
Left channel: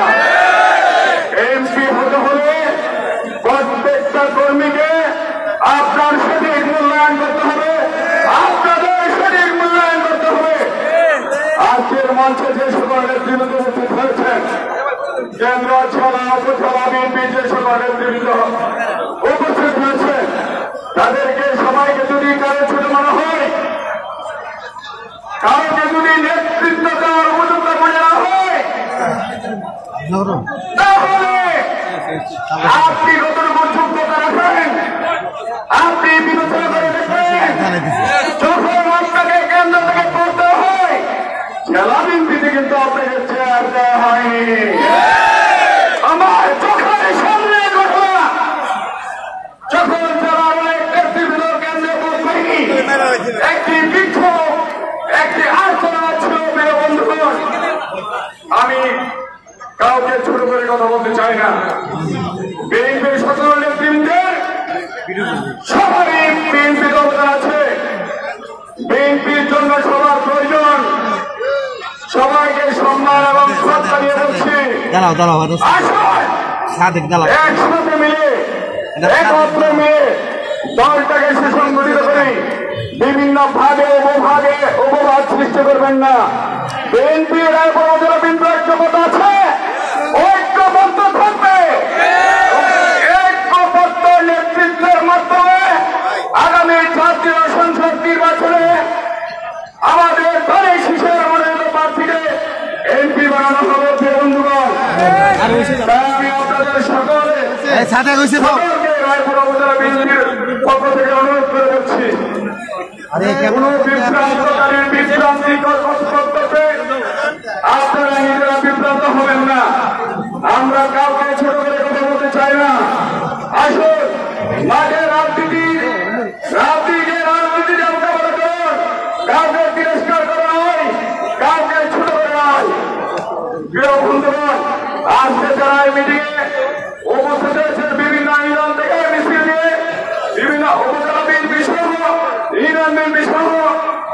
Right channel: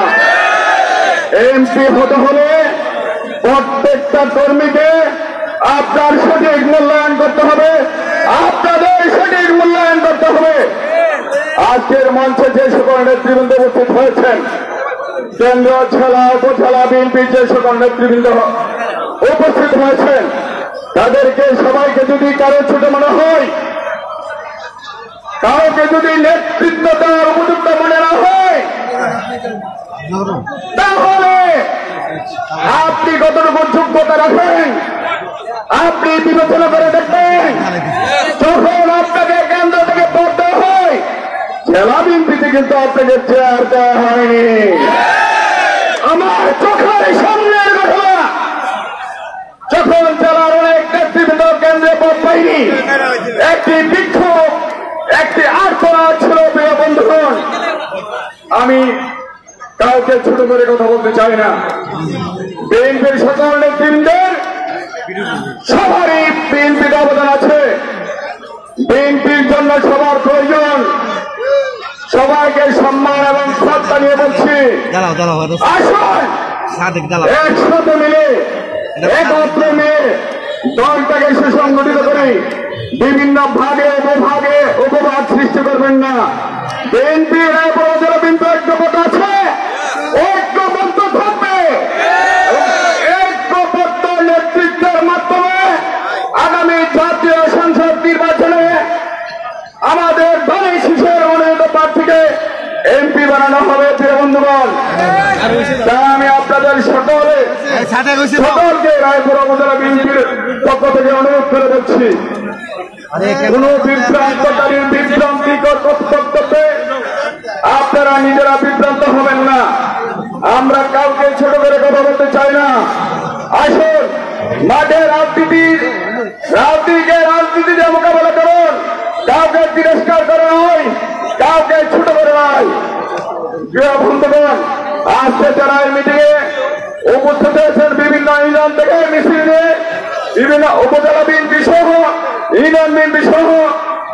এমপি হতে হলে প্রত্যেকটা কর্মীকে আপনার সঠিক মূল্যায়ন করতে হবে, আপনাদের সঠিক মূল্যায়ন করতে হবে। আজকের মঞ্চে যে সকল নেতৃবৃন্দ উপস্থিত হয়েছেন, কেন্দ্র জেলা উপজেলা বিএনপির যে সকল নেতৃবৃন্দ উপস্থিত হয়েছেন, তাদেরকে সবাইকে যদি কারো ছোট মনে হয়, কাউকে যদি নেতৃত্ব দেওয়ার উপযুক্ত মনে না হয়, তাহলে আপনি কতটুকু যোগ্যতা রাখেন আপনি বিবেচনা করে দেখবেন। যখন আপনাকে কেন্দ্র থেকে পড়তে হয়, জেলা বিএনপিতে কিন্তু আপনাকে চেয়ার দেওয়া হয়নি। আমার চোখের সামনের ঘটনা, যখন জেলার অনেক নেতৃবৃন্দ কেন্দ্রে পদ পাইনি, একটি বিক্ষোভ, একটি আর্তনাদ ছিল প্রিয় বন্ধুগণ। আমি কাউকে ছোট করে কথা বলতে চাই না, বিএনপির সকল নেতৃবৃন্দের সবারই বিএনপির অবদান আছে, বিএনপির জন্য সবার প্রয়োজন। সবাইকে সম্মান এবং শ্রদ্ধা নিয়ে বলছি, আসুন একসাথে মিলে একত্র মিলে দলটাকে সুসংগঠিত করি। বিভিন্ন ভাগে উপভাগে উপবাদ সৃষ্টি করবেন না। বিএনপি রায়পুর উপজেলা বিএনপি ঐক্যবদ্ধ আছে, ঐক্যবদ্ধ থাকবে। ঐক্যবদ্ধ নেতৃত্বের মাধ্যমে আগামী জাতীয় সংসদ নির্বাচনে আমাদের দলের শিশুর মনোনীত প্রার্থীকে এমপি বানানো হবে প্রিয় বন্ধুগণ। আমি আপনাদের সকলকে রায়পুর উপজেলা বিএনপির পক্ষ থেকে অনুরোধ করে বলছি, কোন বিভ্রান্তিকর বক্তব্যে আপনারা নিজেরা বিভ্রান্ত হবেন না। আমরা কাউকে ছোট করে কথা বলতে চাই না। আসুন মাঠে রাজনীতিতে মোকাবেলা করুন, কাউকে তিরস্কার করে নয়, কাউকে ছোট করে নয়। প্রিয় বন্ধুগণ, আজকে যারা এই মিটিং এ উপস্থিত হয়েছেন বিভিন্ন ইউনিয়ন থেকে মিছিল দিয়ে, বিভিন্ন উপজেলা বিএনপি সহ ইউনিয়ন বিএনপি সহ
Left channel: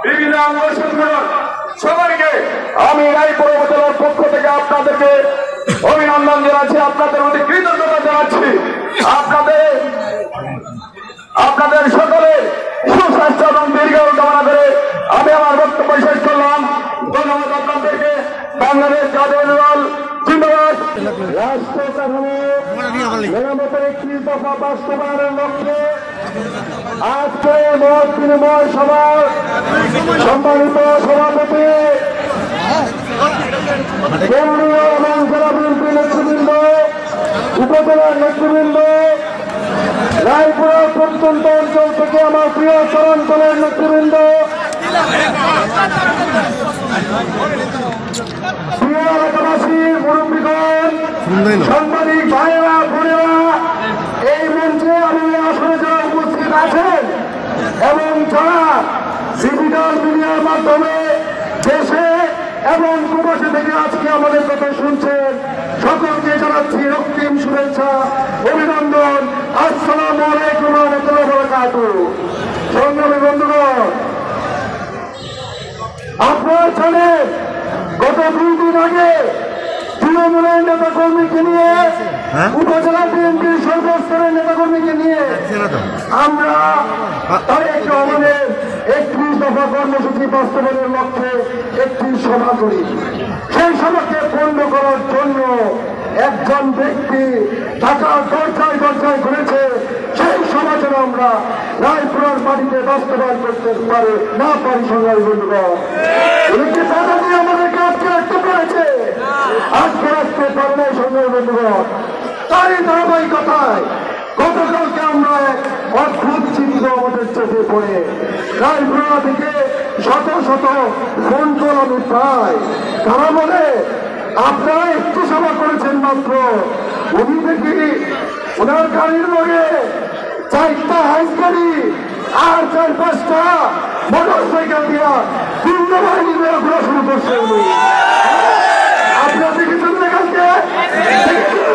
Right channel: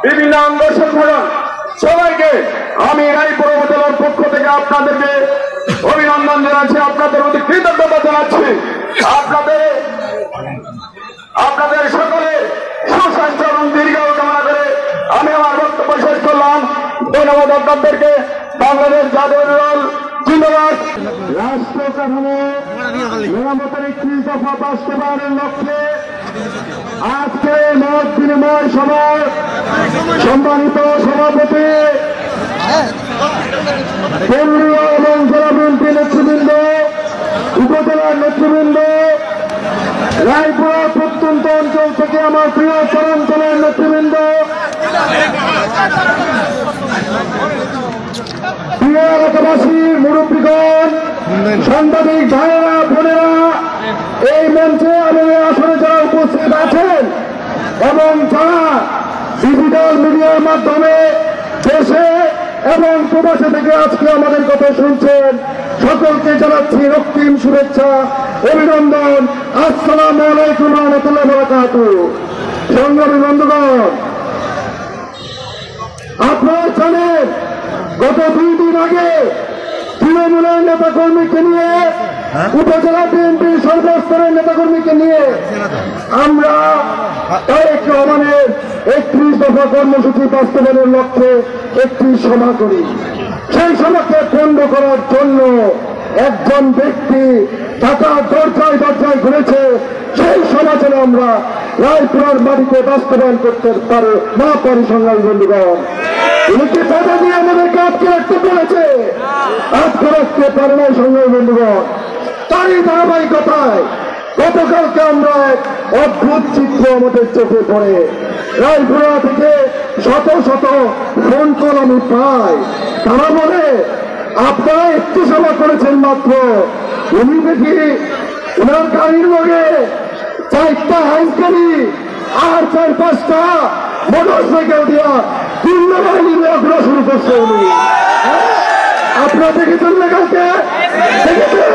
বিভিন্ন অঙ্গ সংগঠন, সবাইকে আমি রায়পুর উপজেলার পক্ষ থেকে আপনাদেরকে অভিনন্দন জানাচ্ছি, আপনাদের প্রতি কৃতজ্ঞতা জানাচ্ছি। আপনাদের সকলে সুস্বাস্থ্য এবং দীর্ঘায়ু কামনা করে আমি আমার বক্তব্য শেষ করলাম। ধন্যবাদ আপনাদেরকে। বাংলাদেশ জাতীয় দল জিন্দাবাদ। রাষ্ট্র কাঠামো মেরামতের 31 দফা বাস্তবায়নের লক্ষ্যে আজকে মত বিনিময় সভার সম্মানিত সভাপতি কেন্দ্রীয় এবং জেলা বিএনপি নেতৃবৃন্দ, উপজেলার নেতৃবৃন্দ, রায়পুরা প্রত্যন্ত অঞ্চল থেকে আমার প্রিয় চরাঞ্চলের নেতৃবৃন্দ, প্রিয় এলাকাবাসীর মুরব্বীগণ, সাংবাদিক ভাইয়েরা, বোনেরা, এই মঞ্চে এবং এই আসনে যারা উপস্থিত আছেন এবং যারা ডিজিটাল মিডিয়ার মাধ্যমে দেশে এবং প্রবাসী থেকে আজকে আমাদের কথা শুনছেন, সকলকে জানাচ্ছি রক্তিম শুভেচ্ছা, অভিনন্দন। আসসালামু আলাইকুম ওয়া রাহমাতুল্লাহি ওয়া বারাকাতুহু। সংগ্রামী বন্ধুগণ, আপনারা জানেন গত 2 দিন আগে তৃণমূলের নেতাকর্মীকে নিয়ে, উপজেলা বিএনপির সর্বস্তরের নেতাকর্মীকে নিয়ে আমরা তারেক রহমানের 31 দফা কর্মসূচি বাস্তবায়নের লক্ষ্যে একটি সভা করি। সেই সভাকে বন্ধ করার জন্য একজন ব্যক্তি ঢাকার দরজায় দরজায় ঘুরেছে। সেই সভা যেন আমরা রায়পুরার মাটিতে বাস্তবায়ন করতে না পারি। সংগ্রামী বন্ধুগণ, উনি কি বাধা দিয়ে আমাদেরকে আটকে রাখতে পেরেছে? আটকে রাখতে পারে নাই। সংগ্রামী বন্ধুগণ, তারই ধারাবাহিকতায় গতকালকে আমরা এক অদ্ভুত চিত্র আমাদের চোখে পড়ে। রায়পুরা থেকে শত শত ফোন কল আমি পাই। তারা বলে আপনারা একটি সভা করেছেন মাত্র, উনি দেখি ওনার গাড়ির লগে 4টা হাইস গাড়ি আর 4-5টা মোটর সাইকেল দিয়া পূর্ণ বাহিনী ঘোরা শুরু করছে। উনি আপনারা দেখেছেন না কালকে? দেখেছেন?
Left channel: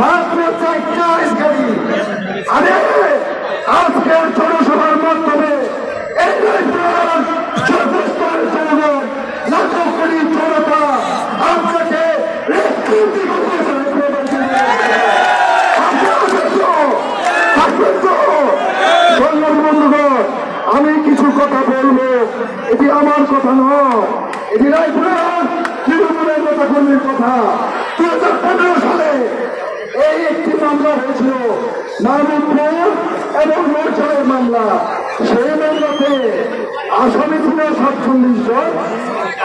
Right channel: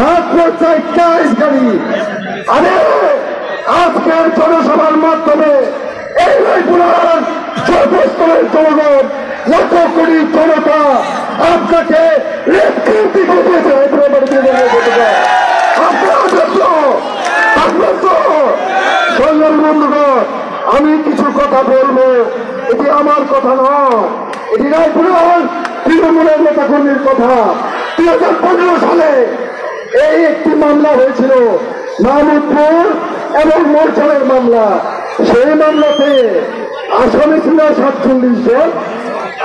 মাত্র 4টা হাইস গাড়ি। আরে আজকের জনসভার মাধ্যমে এই রায়পুরার সর্বস্তরের জনগণ, লাখো কোটি জনতা আপনাকে রেপটি করিয়েছে। আমি কিছু কথা বলবো, এটি আমার কথা নয়, এটি রায়পুরার তৃণমূলের নেতাকর্মীর কথা। 2015 সালে এই একটি মামলা হয়েছিল, মাহমুদপুর এবং মৌচারের মামলা। সেই মামলাতে আসামি ছিল 47 জন।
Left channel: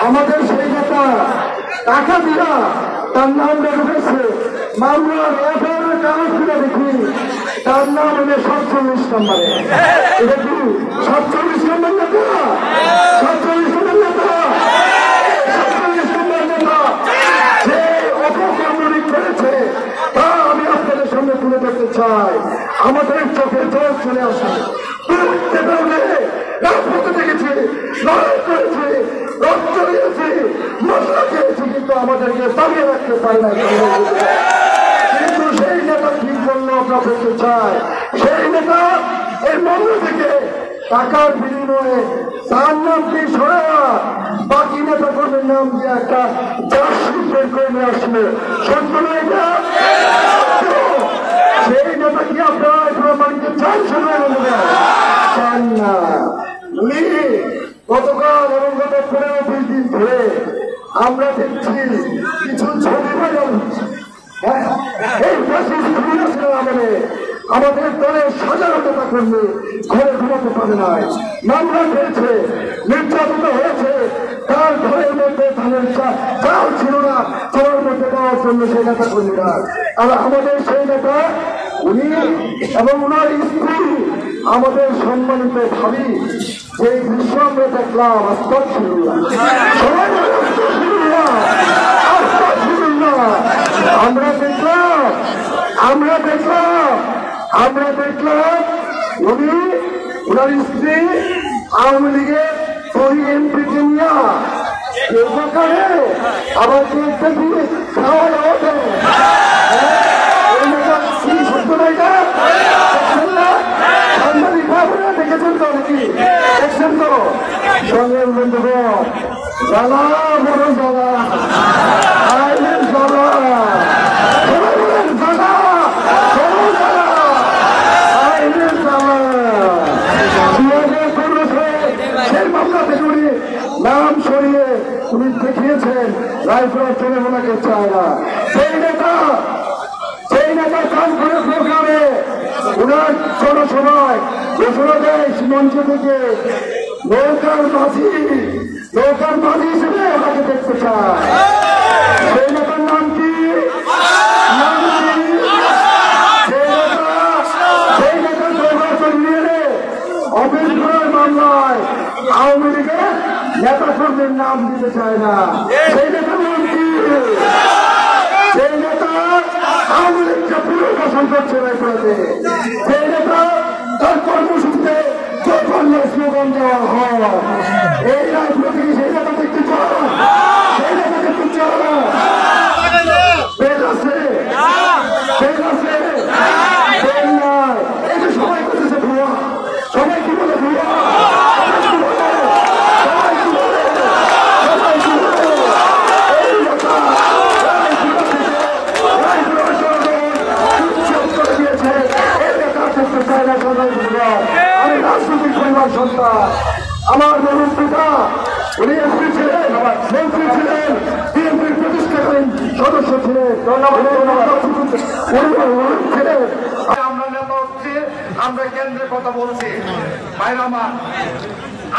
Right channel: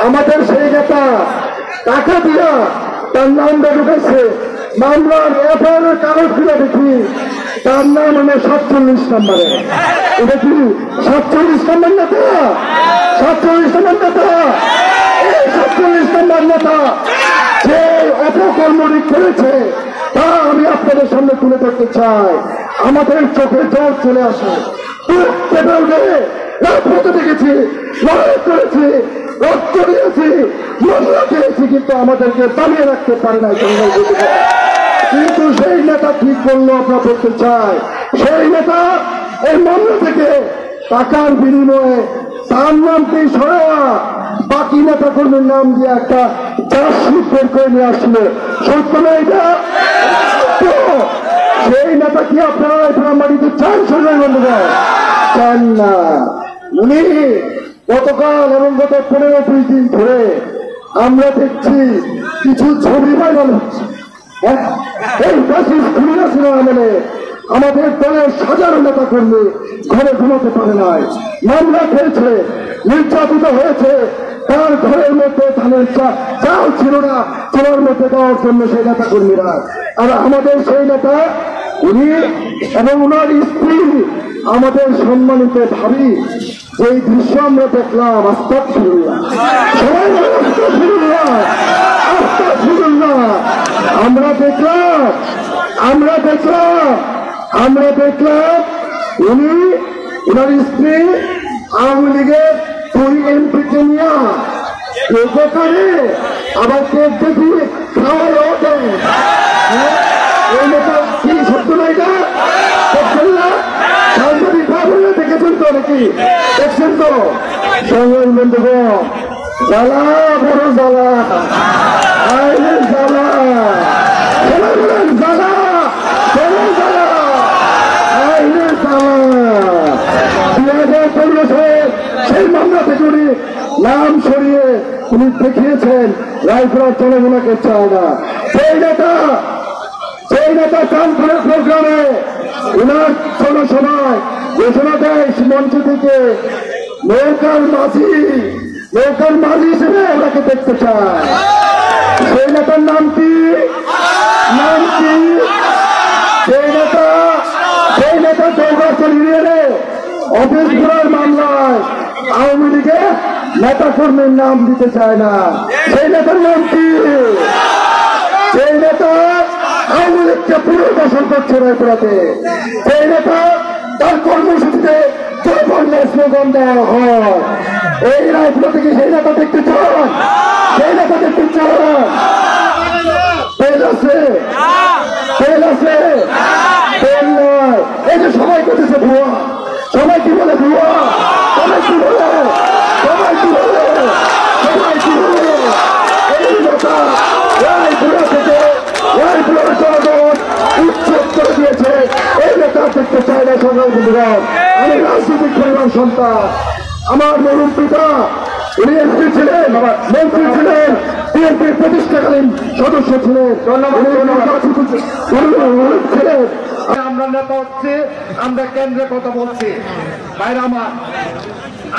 আমাদের সেই নেতা টাকা দিয়া তার নাম ঢুকেছে মামলার এফআইআর কাগজ খুলে দেখি তার নাম এনে 47 নম্বরে। এটা কি 47 নম্বর নেতা? 47 নম্বর নেতা, এই 47 নম্বর নেতা যে অপকর্মটি করেছে তা আমি আপনাদের সামনে তুলে ধরতে চাই। আমাদের চোখে জল চলে আসে। রাজপথে দেখেছি, লড়াই করেছি, রক্ত দিয়েছি, মশলা খেয়েছি, কিন্তু আমাদেরকে দাঁড়িয়ে রাখতে পারে না। কিন্তু সেই নেতা ঠিক করলো আপনারা বলতে চাই, সেই নেতা এই মামলা থেকে টাকার বিনিময়ে তার নামকে সরা বাকি নেতা কর্মীর নাম দিয়ে একটা চার্জশিট বের করে নিয়ে আসলো। সত্য না এটা? সেই নেতা কি আপনারা মাটিতে চান? চান না। উনি গতকাল এবং গত 15-20 দিন ধরে আমরা দেখছি কিছু ছবি ভাইরাল হচ্ছে। এই মানে আমাদের দলের সাধারণ নেতা কর্মী ঘরে ঘুমাতে পারে নাই, মামলা হয়েছে, নির্যাতিত হয়েছে, তার ঘরের মধ্যে ধানের চাল ছিল না, চালের মধ্যে দেওয়ার জন্য সেই নেতা কর্মীরা। আর আমাদের সেই নেতা উনি এবং ওনার স্ত্রী আমাদের সম্মানিত ভাবি, যে দৃশ্য আমরা দেখলাম, আস্তাগফিরুল্লাহ, আমরা দেখলাম উনি ওনার স্ত্রী আওয়ামী লীগের এমপিকে নিয়ে করে আবার কেক দিয়ে খাওয়া দেয়। কি সত্য না এটা? দেখছেন না? সাংবাদিক ভাইরা দেখেছেন তো নাকি? দেখছেন তো? সঙ্গে বন্ধুগণ, জ্বালা বড় জ্বালা, জ্বালা, সবাই বলেন জ্বালা, বড় জ্বালা, সেই মামলা থেকে উনি নাম সরিয়ে উনি দেখিয়েছেন রায়পুরার জনগণকে চায় না। সেই নেতা সেই নেতা চান করে প্রোগ্রামে উনার জনসভায় ঘোষণা দেয় মঞ্চ থেকে নৌকার মাঝি হিসেবে ওনাকে দেখতে চায়। সেই নেতার নাম কি? সেই নেতা নির্বাচন নিয়ে অফিস ঘোরার মামলায় আওয়ামী লীগের নেতা কর্মীর নাম দিতে চায় না। সেই নেতার নাম কি? সেই নেতা আওয়ামী লীগকে পুনর্বাসন করছে রায়পুরাতে। সেই নেতা তার কর্মসূচিতে বাংলার স্লোগান দেওয়া হয়। এই রাজনীতি কি সেই নেতা দেখতে চান? সেই নেতা দেখতে চান? পেজ আছে, পেজ আছে, পেজ নয়। এই যে সবাই করতেছে ভুয়া, সবাই কি বলে ভুয়া, সবাই কি বলে, সবাই কি বলে, সবাই কি বলে। এই নেতা রায়পুরা থেকে রায়পুরার জনগণ উচ্ছেদ করে দিয়েছে। এই নেতা করতে চায় না সবাই বুঝলাম। আমি রাজনৈতিক পরিবার সন্তান। আমার মেয়ের পিতা উনি এমপি ছিলেন, মন্ত্রী ছিলেন, বিএনপির প্রতিষ্ঠাকালীন সদস্য ছিলেন, ছিলেন। আমরা নেতা হচ্ছি, আমরা কেন্দ্রে কথা বলছি। ভাইরা আমার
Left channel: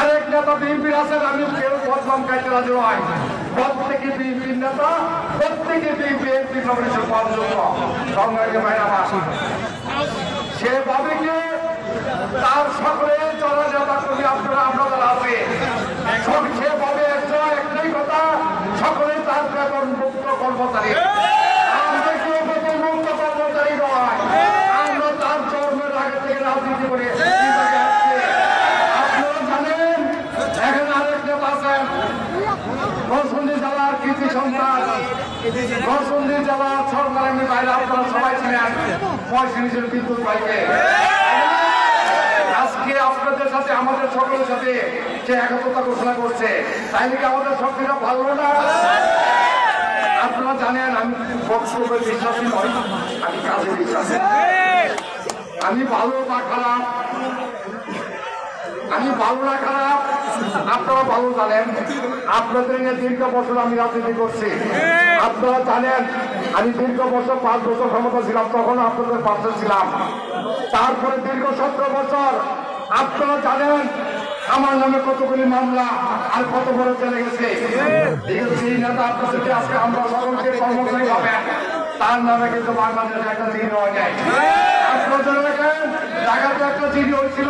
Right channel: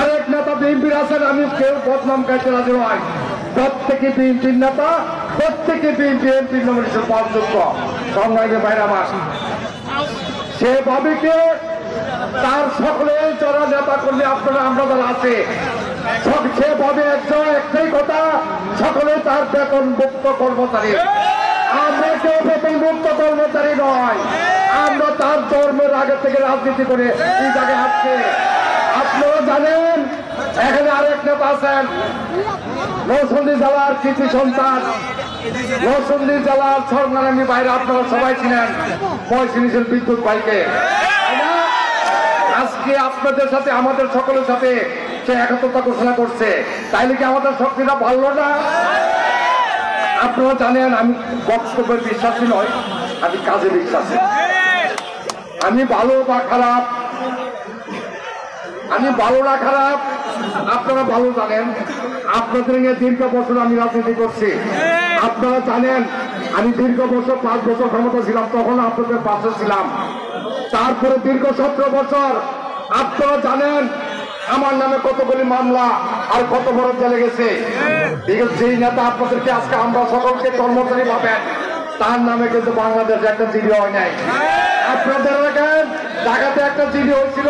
আরেক নেতা বিএনপির আছেন, আমি কেউ বদনাম গাইতে রাজি নয়। প্রত্যেকে বিএনপির নেতা, প্রত্যেকে বিএনপির নমিনেশন পাওয়ার যোগ্য। সংগ্রামী ভাইরা আমার, সে ভাবিকে তার সকলে যারা নেতা কর্মী আপনারা আমরা যারা আছে সে ভাবে একটাই কথা, সকলে তার বেতন মুক্ত কর্মচারী। আমরা কেউ বেতন মুক্ত কর্মচারী নয়, আমরা তার জন্মের আগে থেকে রাজনীতি করে এই জায়গায় আসছে। আপনারা জানেন এখানে আরেক নেতা আছেন, নরসিংদী জেলার কৃতি সন্তান, নরসিংদী জেলার সরনারায়ণী বাইরে আপনারা সবাই ছিলেন, ময়মনসিংহের বিদ্যুৎ বাইকে। আজকে আপনাদের সাথে আমাদের সকলের সাথে সে একতা ঘোষণা করছে, তাইলে কি আমাদের শক্তিটা ভালো না? আপনারা জানেন আমি বক্তব্যের বিশ্বাসী নয়, আমি কাজে বিশ্বাসী। আমি ভালো বা খারাপ, আমি ভালো না খারাপ আপনারা ভালো জানেন। আপনাদের নিয়ে দীর্ঘ বছর আমি রাজনীতি করছি। আপনারা জানেন আমি দীর্ঘ বছর 5 বছর ক্ষমতা ছিলাম, তখন আপনাদের পাশে ছিলাম। তারপরে দীর্ঘ 17 বছর আপনারা জানেন আমার নামে কতগুলি মামলা আর কত বড় চলে গেছে। যেই নেতা আপনাদেরকে আজকে আমরা সকলকে কর্মচারী পাবেন, তার নামে কিন্তু বাংলাদেশে একটা চিঠি হয় নাই। আপনাদের দেখেন ঢাকাতে একটা চিঠি হয়েছিল,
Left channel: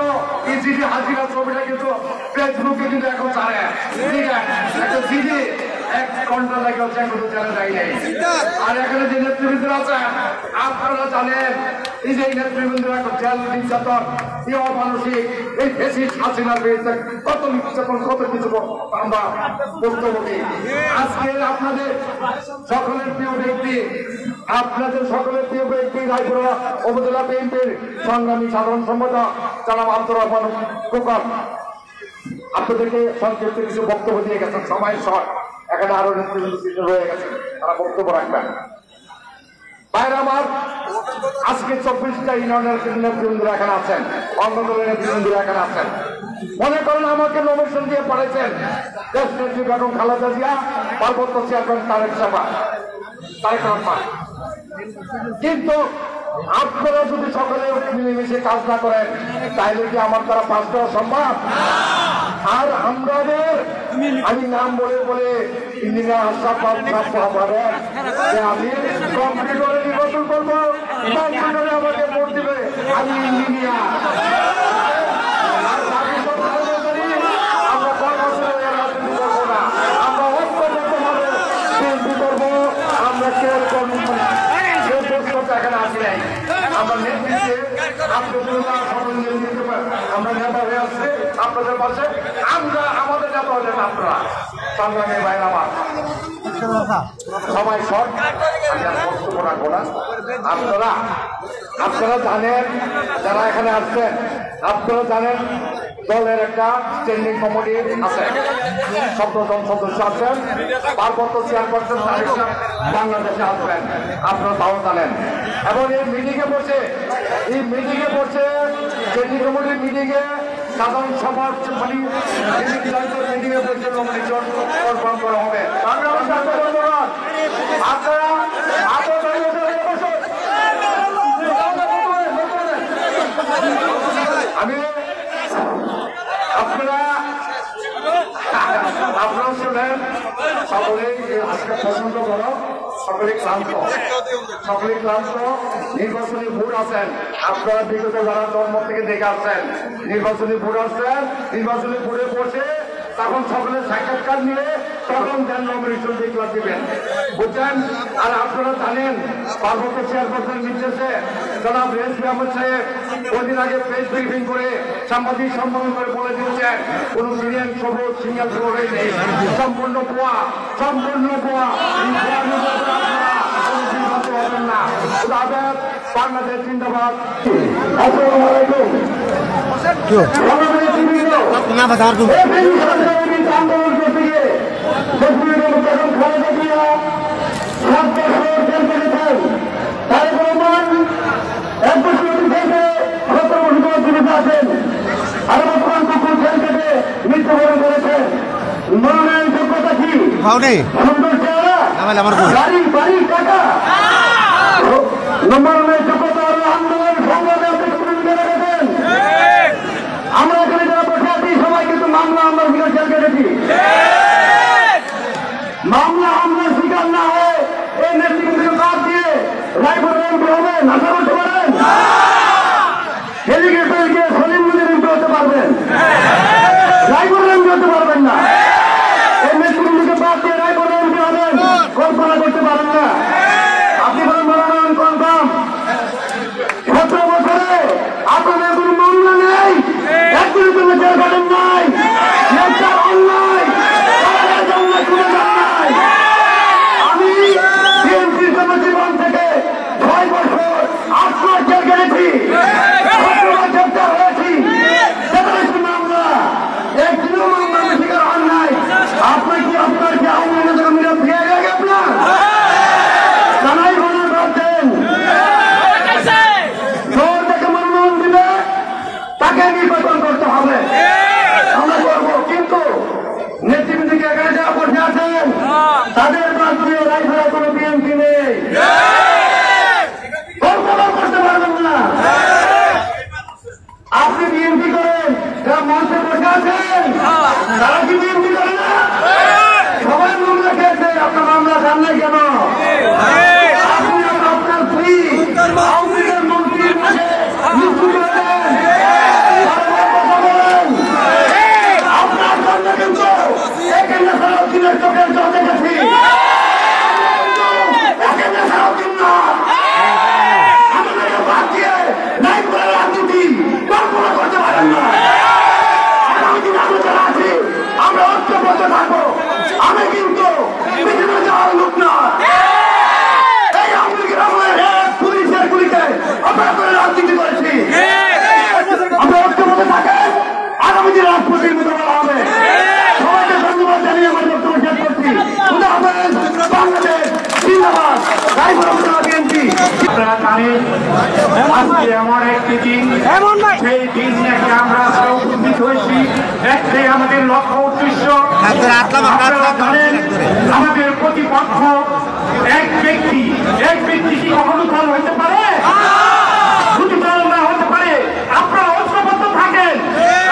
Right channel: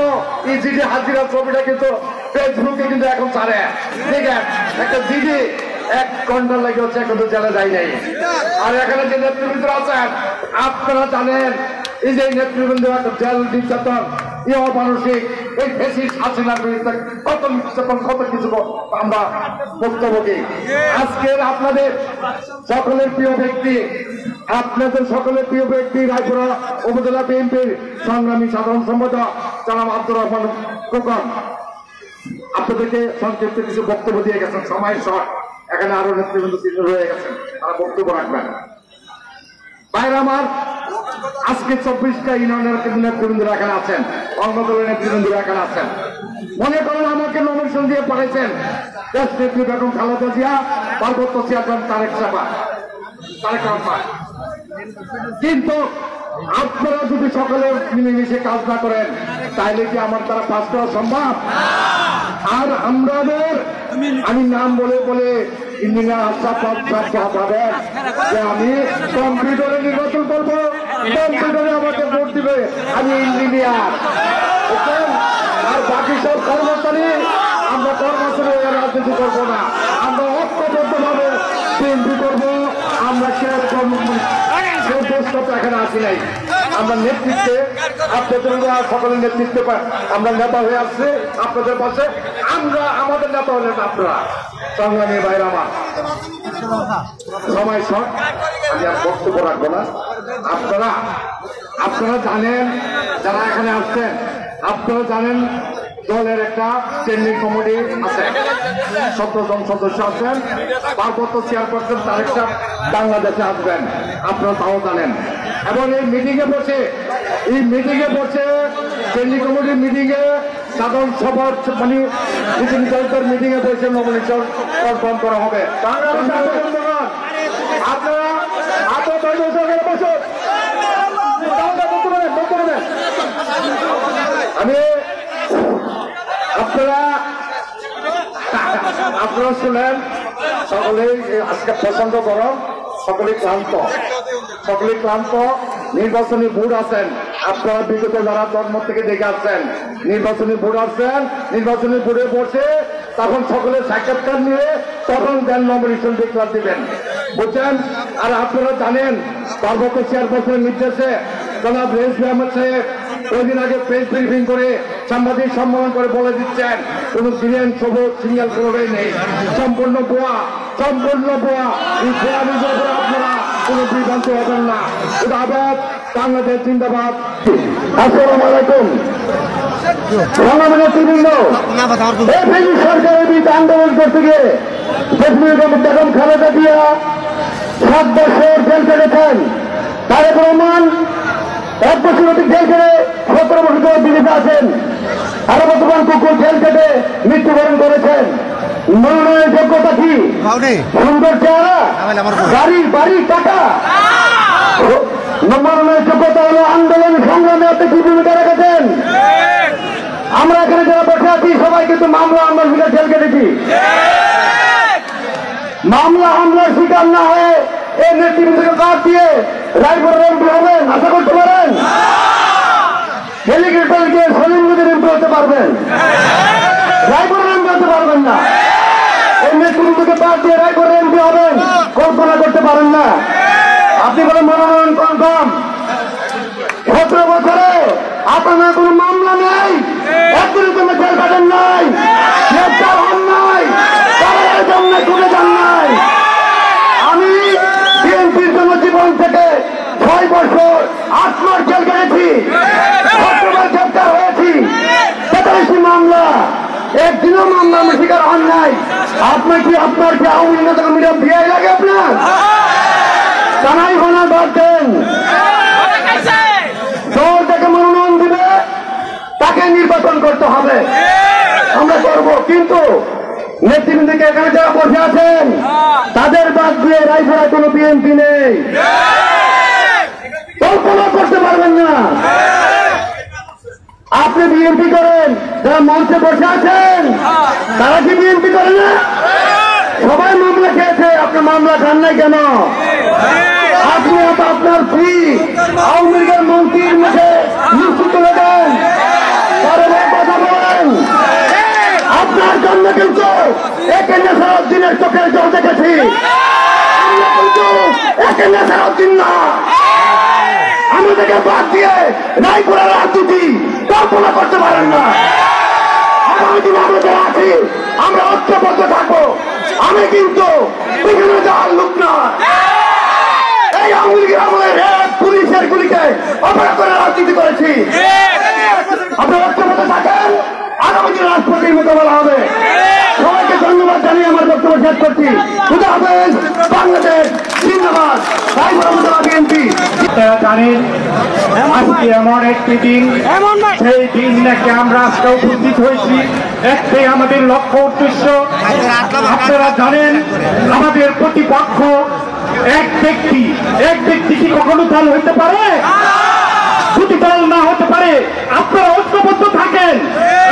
এই চিঠি হাজিরা ছবিটা কিন্তু ফেসবুকে কিন্তু এখন ছাড়ে। ঠিক আছে, একটা চিঠি 1 ঘন্টা লাগে হচ্ছে, এখনো জানা যায় নাই। আর এখানে যে নেতৃবৃন্দ আছেন আপনারা জানেন এই যে নেতৃবৃন্দ জেল নির্যাতন, এই অমানসিক এই ফেসিস্ট হাসিনার বিরুদ্ধে কত নির্যাতন, কত কিছু আমরা বক্তব্য দিই। আজকের আপনাদের সকলের প্রিয় ব্যক্তি, আপনাদের সকলের প্রিয় ব্যক্তি রায়পুরা উপজেলা বিএনপির সংগ্রামী সাধারণ সম্পাদক জনাব আব্দুর রহমান খোকন আপনাদেরকে সংক্ষিপ্ত কিছু বক্তব্য দিয়ে গেছেন। সময় শর্ট, এখানে আরো নেতৃবৃন্দ রয়ে গেছেন, তারা বক্তব্য রাখবেন। বাইরে আমার আজকে 24টা ইউনিয়নের নেতৃবৃন্দরা এখানে আছেন, অন্য দলের নেতৃবৃন্দরা এখানে আছেন। মনে করেন আমাকে নমিনেশন দিয়ে পড়েছেন দেশ নেত্রী বেগম খালেদা জিয়া, পার্বত্য চেয়ারম্যান তারেক রহমান। কিন্তু আপনারা যদি সকলে মিলেমিশে কাজ না করেন তাহলে কি আমার দ্বারা পাস করা সম্ভব? আর আমাদের আমি নাম বলে বলে ইঞ্জিনিয়ার আশরাফ ভাবেন যে আমি কম্পিউটারে নির্বাচন করবো, কম্পিউটারে আমাকে ভোট দিবে, আমি ইঞ্জিনিয়ার। আর বাকি সব কর্মচারী আমরা কর্মচারী রাজনীতি করবো না, আমরা ঐক্যবদ্ধ ভাবে বিএনপি করবো। আমরা এখানে আসি নাই, আমরা নেতৃত্বে আপনাদের সকলের নেতৃত্বে আমরা নেতা হয়ে আসছি আপনাদের পাশে। আমরা আমাদের নেতা হলেন আপনারা। সংগ্রামী বাইরে আমার সময় শর্ট, আমি আর বক্তব্য রাখবো না। আপনারা জানেন, যারা এখানে আসছেন আপনারা জানেন দলের একটা স্ট্যান্ডিং কমিটি আছে, 17 জন সদস্য আছেন, পার্বত্য চেয়ারপারসন তারেক বাংলাদেশে আসবেন, আপনারা তাও জানেন। এবং এই মিটিংয়ে বসে স্ট্যান্ডিং কমিটির মিটিংয়ে সাধারণ সভা মানে মিটিংয়ে বসে নমিনেশন কনফার্ম করা হবে। বাংলাদেশ আপনারা শুনেন, সকলেই আজকে প্রচন্ড গরম, সকলেই ক্লান্ত, নির্বাচনী ভোট আছেন। আপনারা বিগত যারা জন্ম থেকে দেখে আসছেন, নির্বাচনী ভোট আসছেন, নির্বাচনী ভোটে বসে তখন সকলে সাক্ষাৎকার নিয়ে তখন দেন নমিনেশন ডিক্লার দিবেন, বুঝছেন? আর আপনারা জানেন পার্বত্য চেয়ারপারসনের নির্দেশে জনাব রেজভি আহমেদ সাহেব কয়েকদিন আগে প্রেস ব্রিফিং করে সাংবাদিক সম্মেলন করে বলে দিচ্ছেন কোন গ্রিন সবুজ সিগন্যাল কোনোটাই নেই, সম্পূর্ণ ভুয়া। এই ভুয়া নিজের আপনারা কোনো বিভ্রান্ত হবেন না। আবেদ বাংলাদেশ জিন্দাবাদ। আসসালামু আলাইকুম। সরকারের বিরুদ্ধে আন্দোলন করতে গিয়ে বেগম খালেদা জিয়া 7 বছর জেল কেটেছেন। তারেক রহমান 1 বছর অতি জেল কেটে 17 বছর দিল্লিতে আছেন। আরো বর্তমান কুকুর জেল কেটে মৃত্যুবরণ করেছেন। মনোনয়নের যোগ্যতা কি? সুন্দর চেহারা, বাড়ির টাকা? মনোনয়নের যোগ্যতা হলো আন্দোলন সংগ্রামে আপনি কি ভূমিকা রেখেছেন? আমরা এখানে যারা বসে আছি সবাই কিন্তু মামলা হামলার শিকার জেল কেটেছি। মামলা হামলার শিকার না হয়ে এই নেতৃত্বকে বাদ দিয়ে রায়পুরের এমপি হবেন, আশা করতে পারেন? হেলিকপ্টার গিয়ে সলিম মুজিব এমপি হতে পারবেন, রায়পুরের এমপি হতে পারবেন না। এই নেতৃত্বকে বাদ দিয়ে রায়পুরের এমপি হবেন, কল্পনা করতে পারেন না। আপনি বলেন মনোনয়ন কনফার্ম। 17 বছরে আপনাদের কোনো মামলা নেই, একজনের জন্য জেল কাটেন নাই, গ্রেফতার হন নাই, তাদের জন্য তুলে যান নাই। আমি বিএনপির জন্য জীবন থেকে 6 বছর 8 মাস জেল কেটেছি, গ্রেফতার হয়েছি, 47 মামলা, একদিনও মামলার শিকার হন নাই। আপনি কি আপনার কি আওয়ামী লীগের মিডিয়াম দিয়ে লাগে আপনার জানাই মনে করতেন? নির্বাচন করতে হবে, আমরা করবো। কিন্তু নেতৃবৃন্দকে এখানে যারা বসে আছেন তাদের বাদ দিয়ে রায়পুরা কোনো বিএনপি নেই, কল্পনা করতে পারবেন না। আপনি বিএনপি করেন, যারা মঞ্চে বসে আছেন তারা কি বিএনপি করে না? সবাই মামলা খেয়েছে, আপনার মামলা খান নাই কেন? আপনি আপনার স্ত্রী আওয়ামী লীগের মন্ত্রীর মাঝে মৃত্যু করে দেন, আপনার জন্য কিন্তু একে নেসারউদ্দিনের চোখের জল দেখেছি। একে নেসারউদ্দিন না, আমাদেরকে বাদ দিয়ে রায়পুরের রাজনীতি কল্পনা করতে পারেন না। আগামী দিনে আমরা যারা আছি আমরা ঐক্যবদ্ধ থাকবো। আমি কিন্তু এখানে যাওয়ার লোক না, এই আওয়ামী লীগের আমলের পুলিশের গুলিকে অপরাধ করে রাজনীতি করেছি। আমরা ঐক্যবদ্ধ থাকেন, আগামী দিনে রাষ্ট্রপতির মতো বলা হবে। সবাইকে ধন্যবাদ জানিয়ে আমার বক্তব্য শেষ করছি। বাংলাদেশ জিন্দাবাদ, বিএনপি। আপনারা জানেন আজকে এমন একটি দিন, সেই দিন নাকি আমরা আজকে উপস্থিত হয়েছি, একটাই আমাদের লক্ষ্য উদ্দেশ্য। আপনারা জানেন আমাদের প্রতিপক্ষ এক ব্যক্তি কি কখনো দল হতে পারে? শুধু দল না হতে পারে। আপনারা ঐক্যবদ্ধ থাকেন,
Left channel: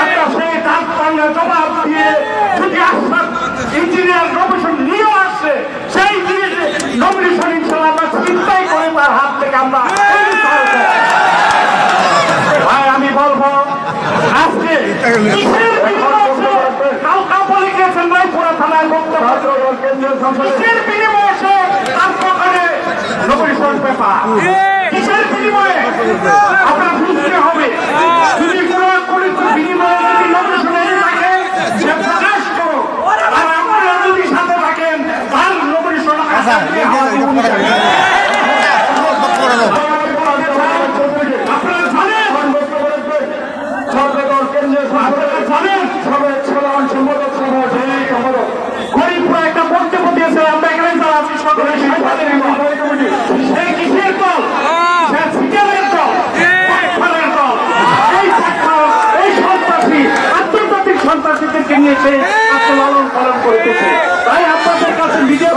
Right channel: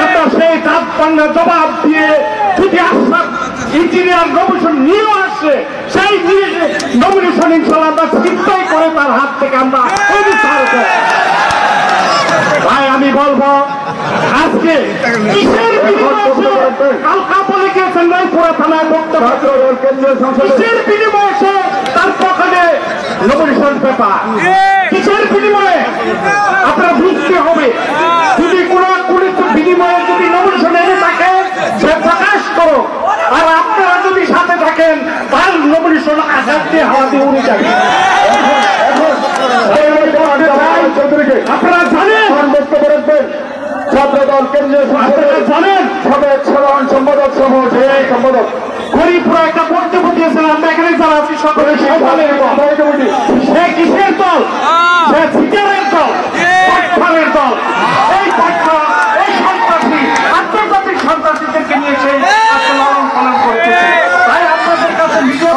আপনারা সেই দাঁত ভাঙা জবাব দিয়ে যদি আশ্বাস ইঞ্জিনিয়ার নমিনেশন নিয়ে আসছে, সেই নমিনেশন ইনশাল্লাহ আমরা চিন্তাই করে তার হাত থেকে আমরা ভাই আমি বলবো আজকে কিসের কালকা বলে গিয়েছেন ভাই পুরা থানায় বক্তব্য, কিসের বিনিময়ে সে তার পক্ষে নমিনেশন পেপার, কিসের বিনিময়ে আপনারা বুঝতে হবে। যদি কোন বিনিময়ে যদি নমিনেশন এনে থাকে সে প্রকাশ করো, আর আপনারা যদি সাথে থাকেন তার নমিনেশন আসার দিয়ে হওয়া আপনারা জানেন, আপনারা জানেন সাধারণ সম্পাদক সহ যে সম্পাদক হরিপুরা একটা বক্তব্য দিয়েছে, আমরা এখানে যারা আছি সকলে সে কিসের দল? সে সিকেলের দল, দল। এই সন্ত্রাসী আন্তর্জাতিক সন্ত্রাসীদেরকে নিয়ে সেই আন্দোলন পালন করতেছে। তাই আপনাদের কাছে ভিডিও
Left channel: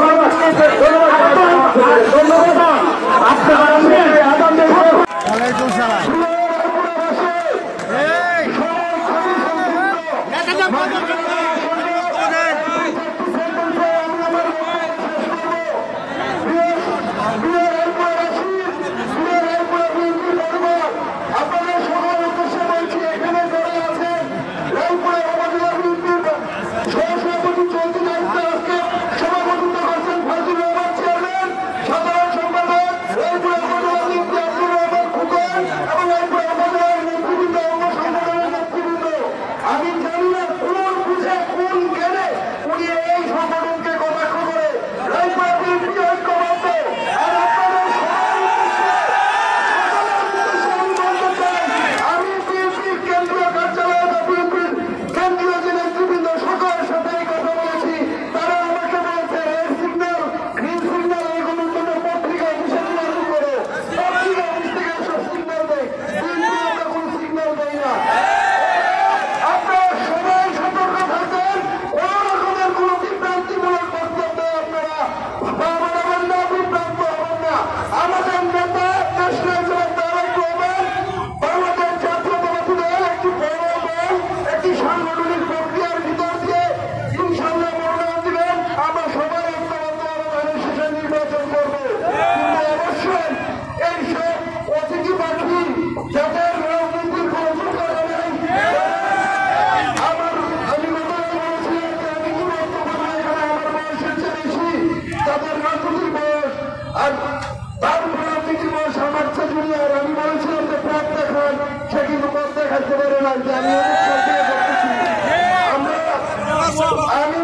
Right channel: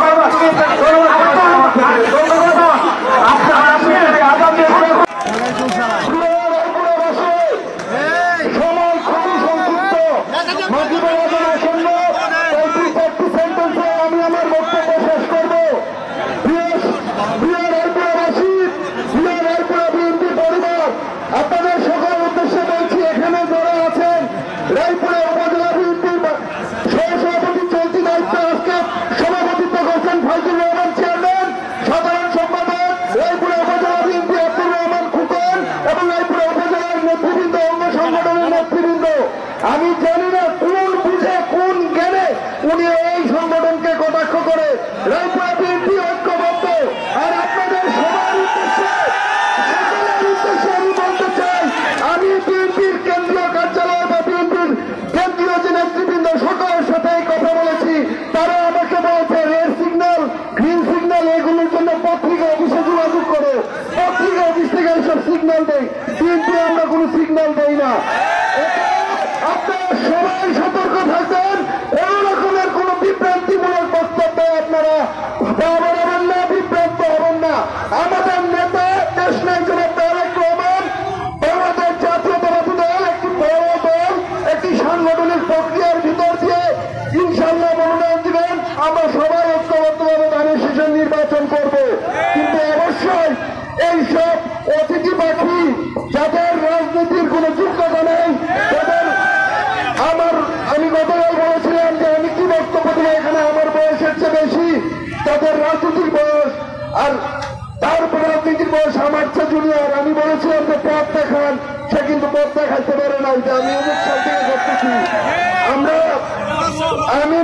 আমি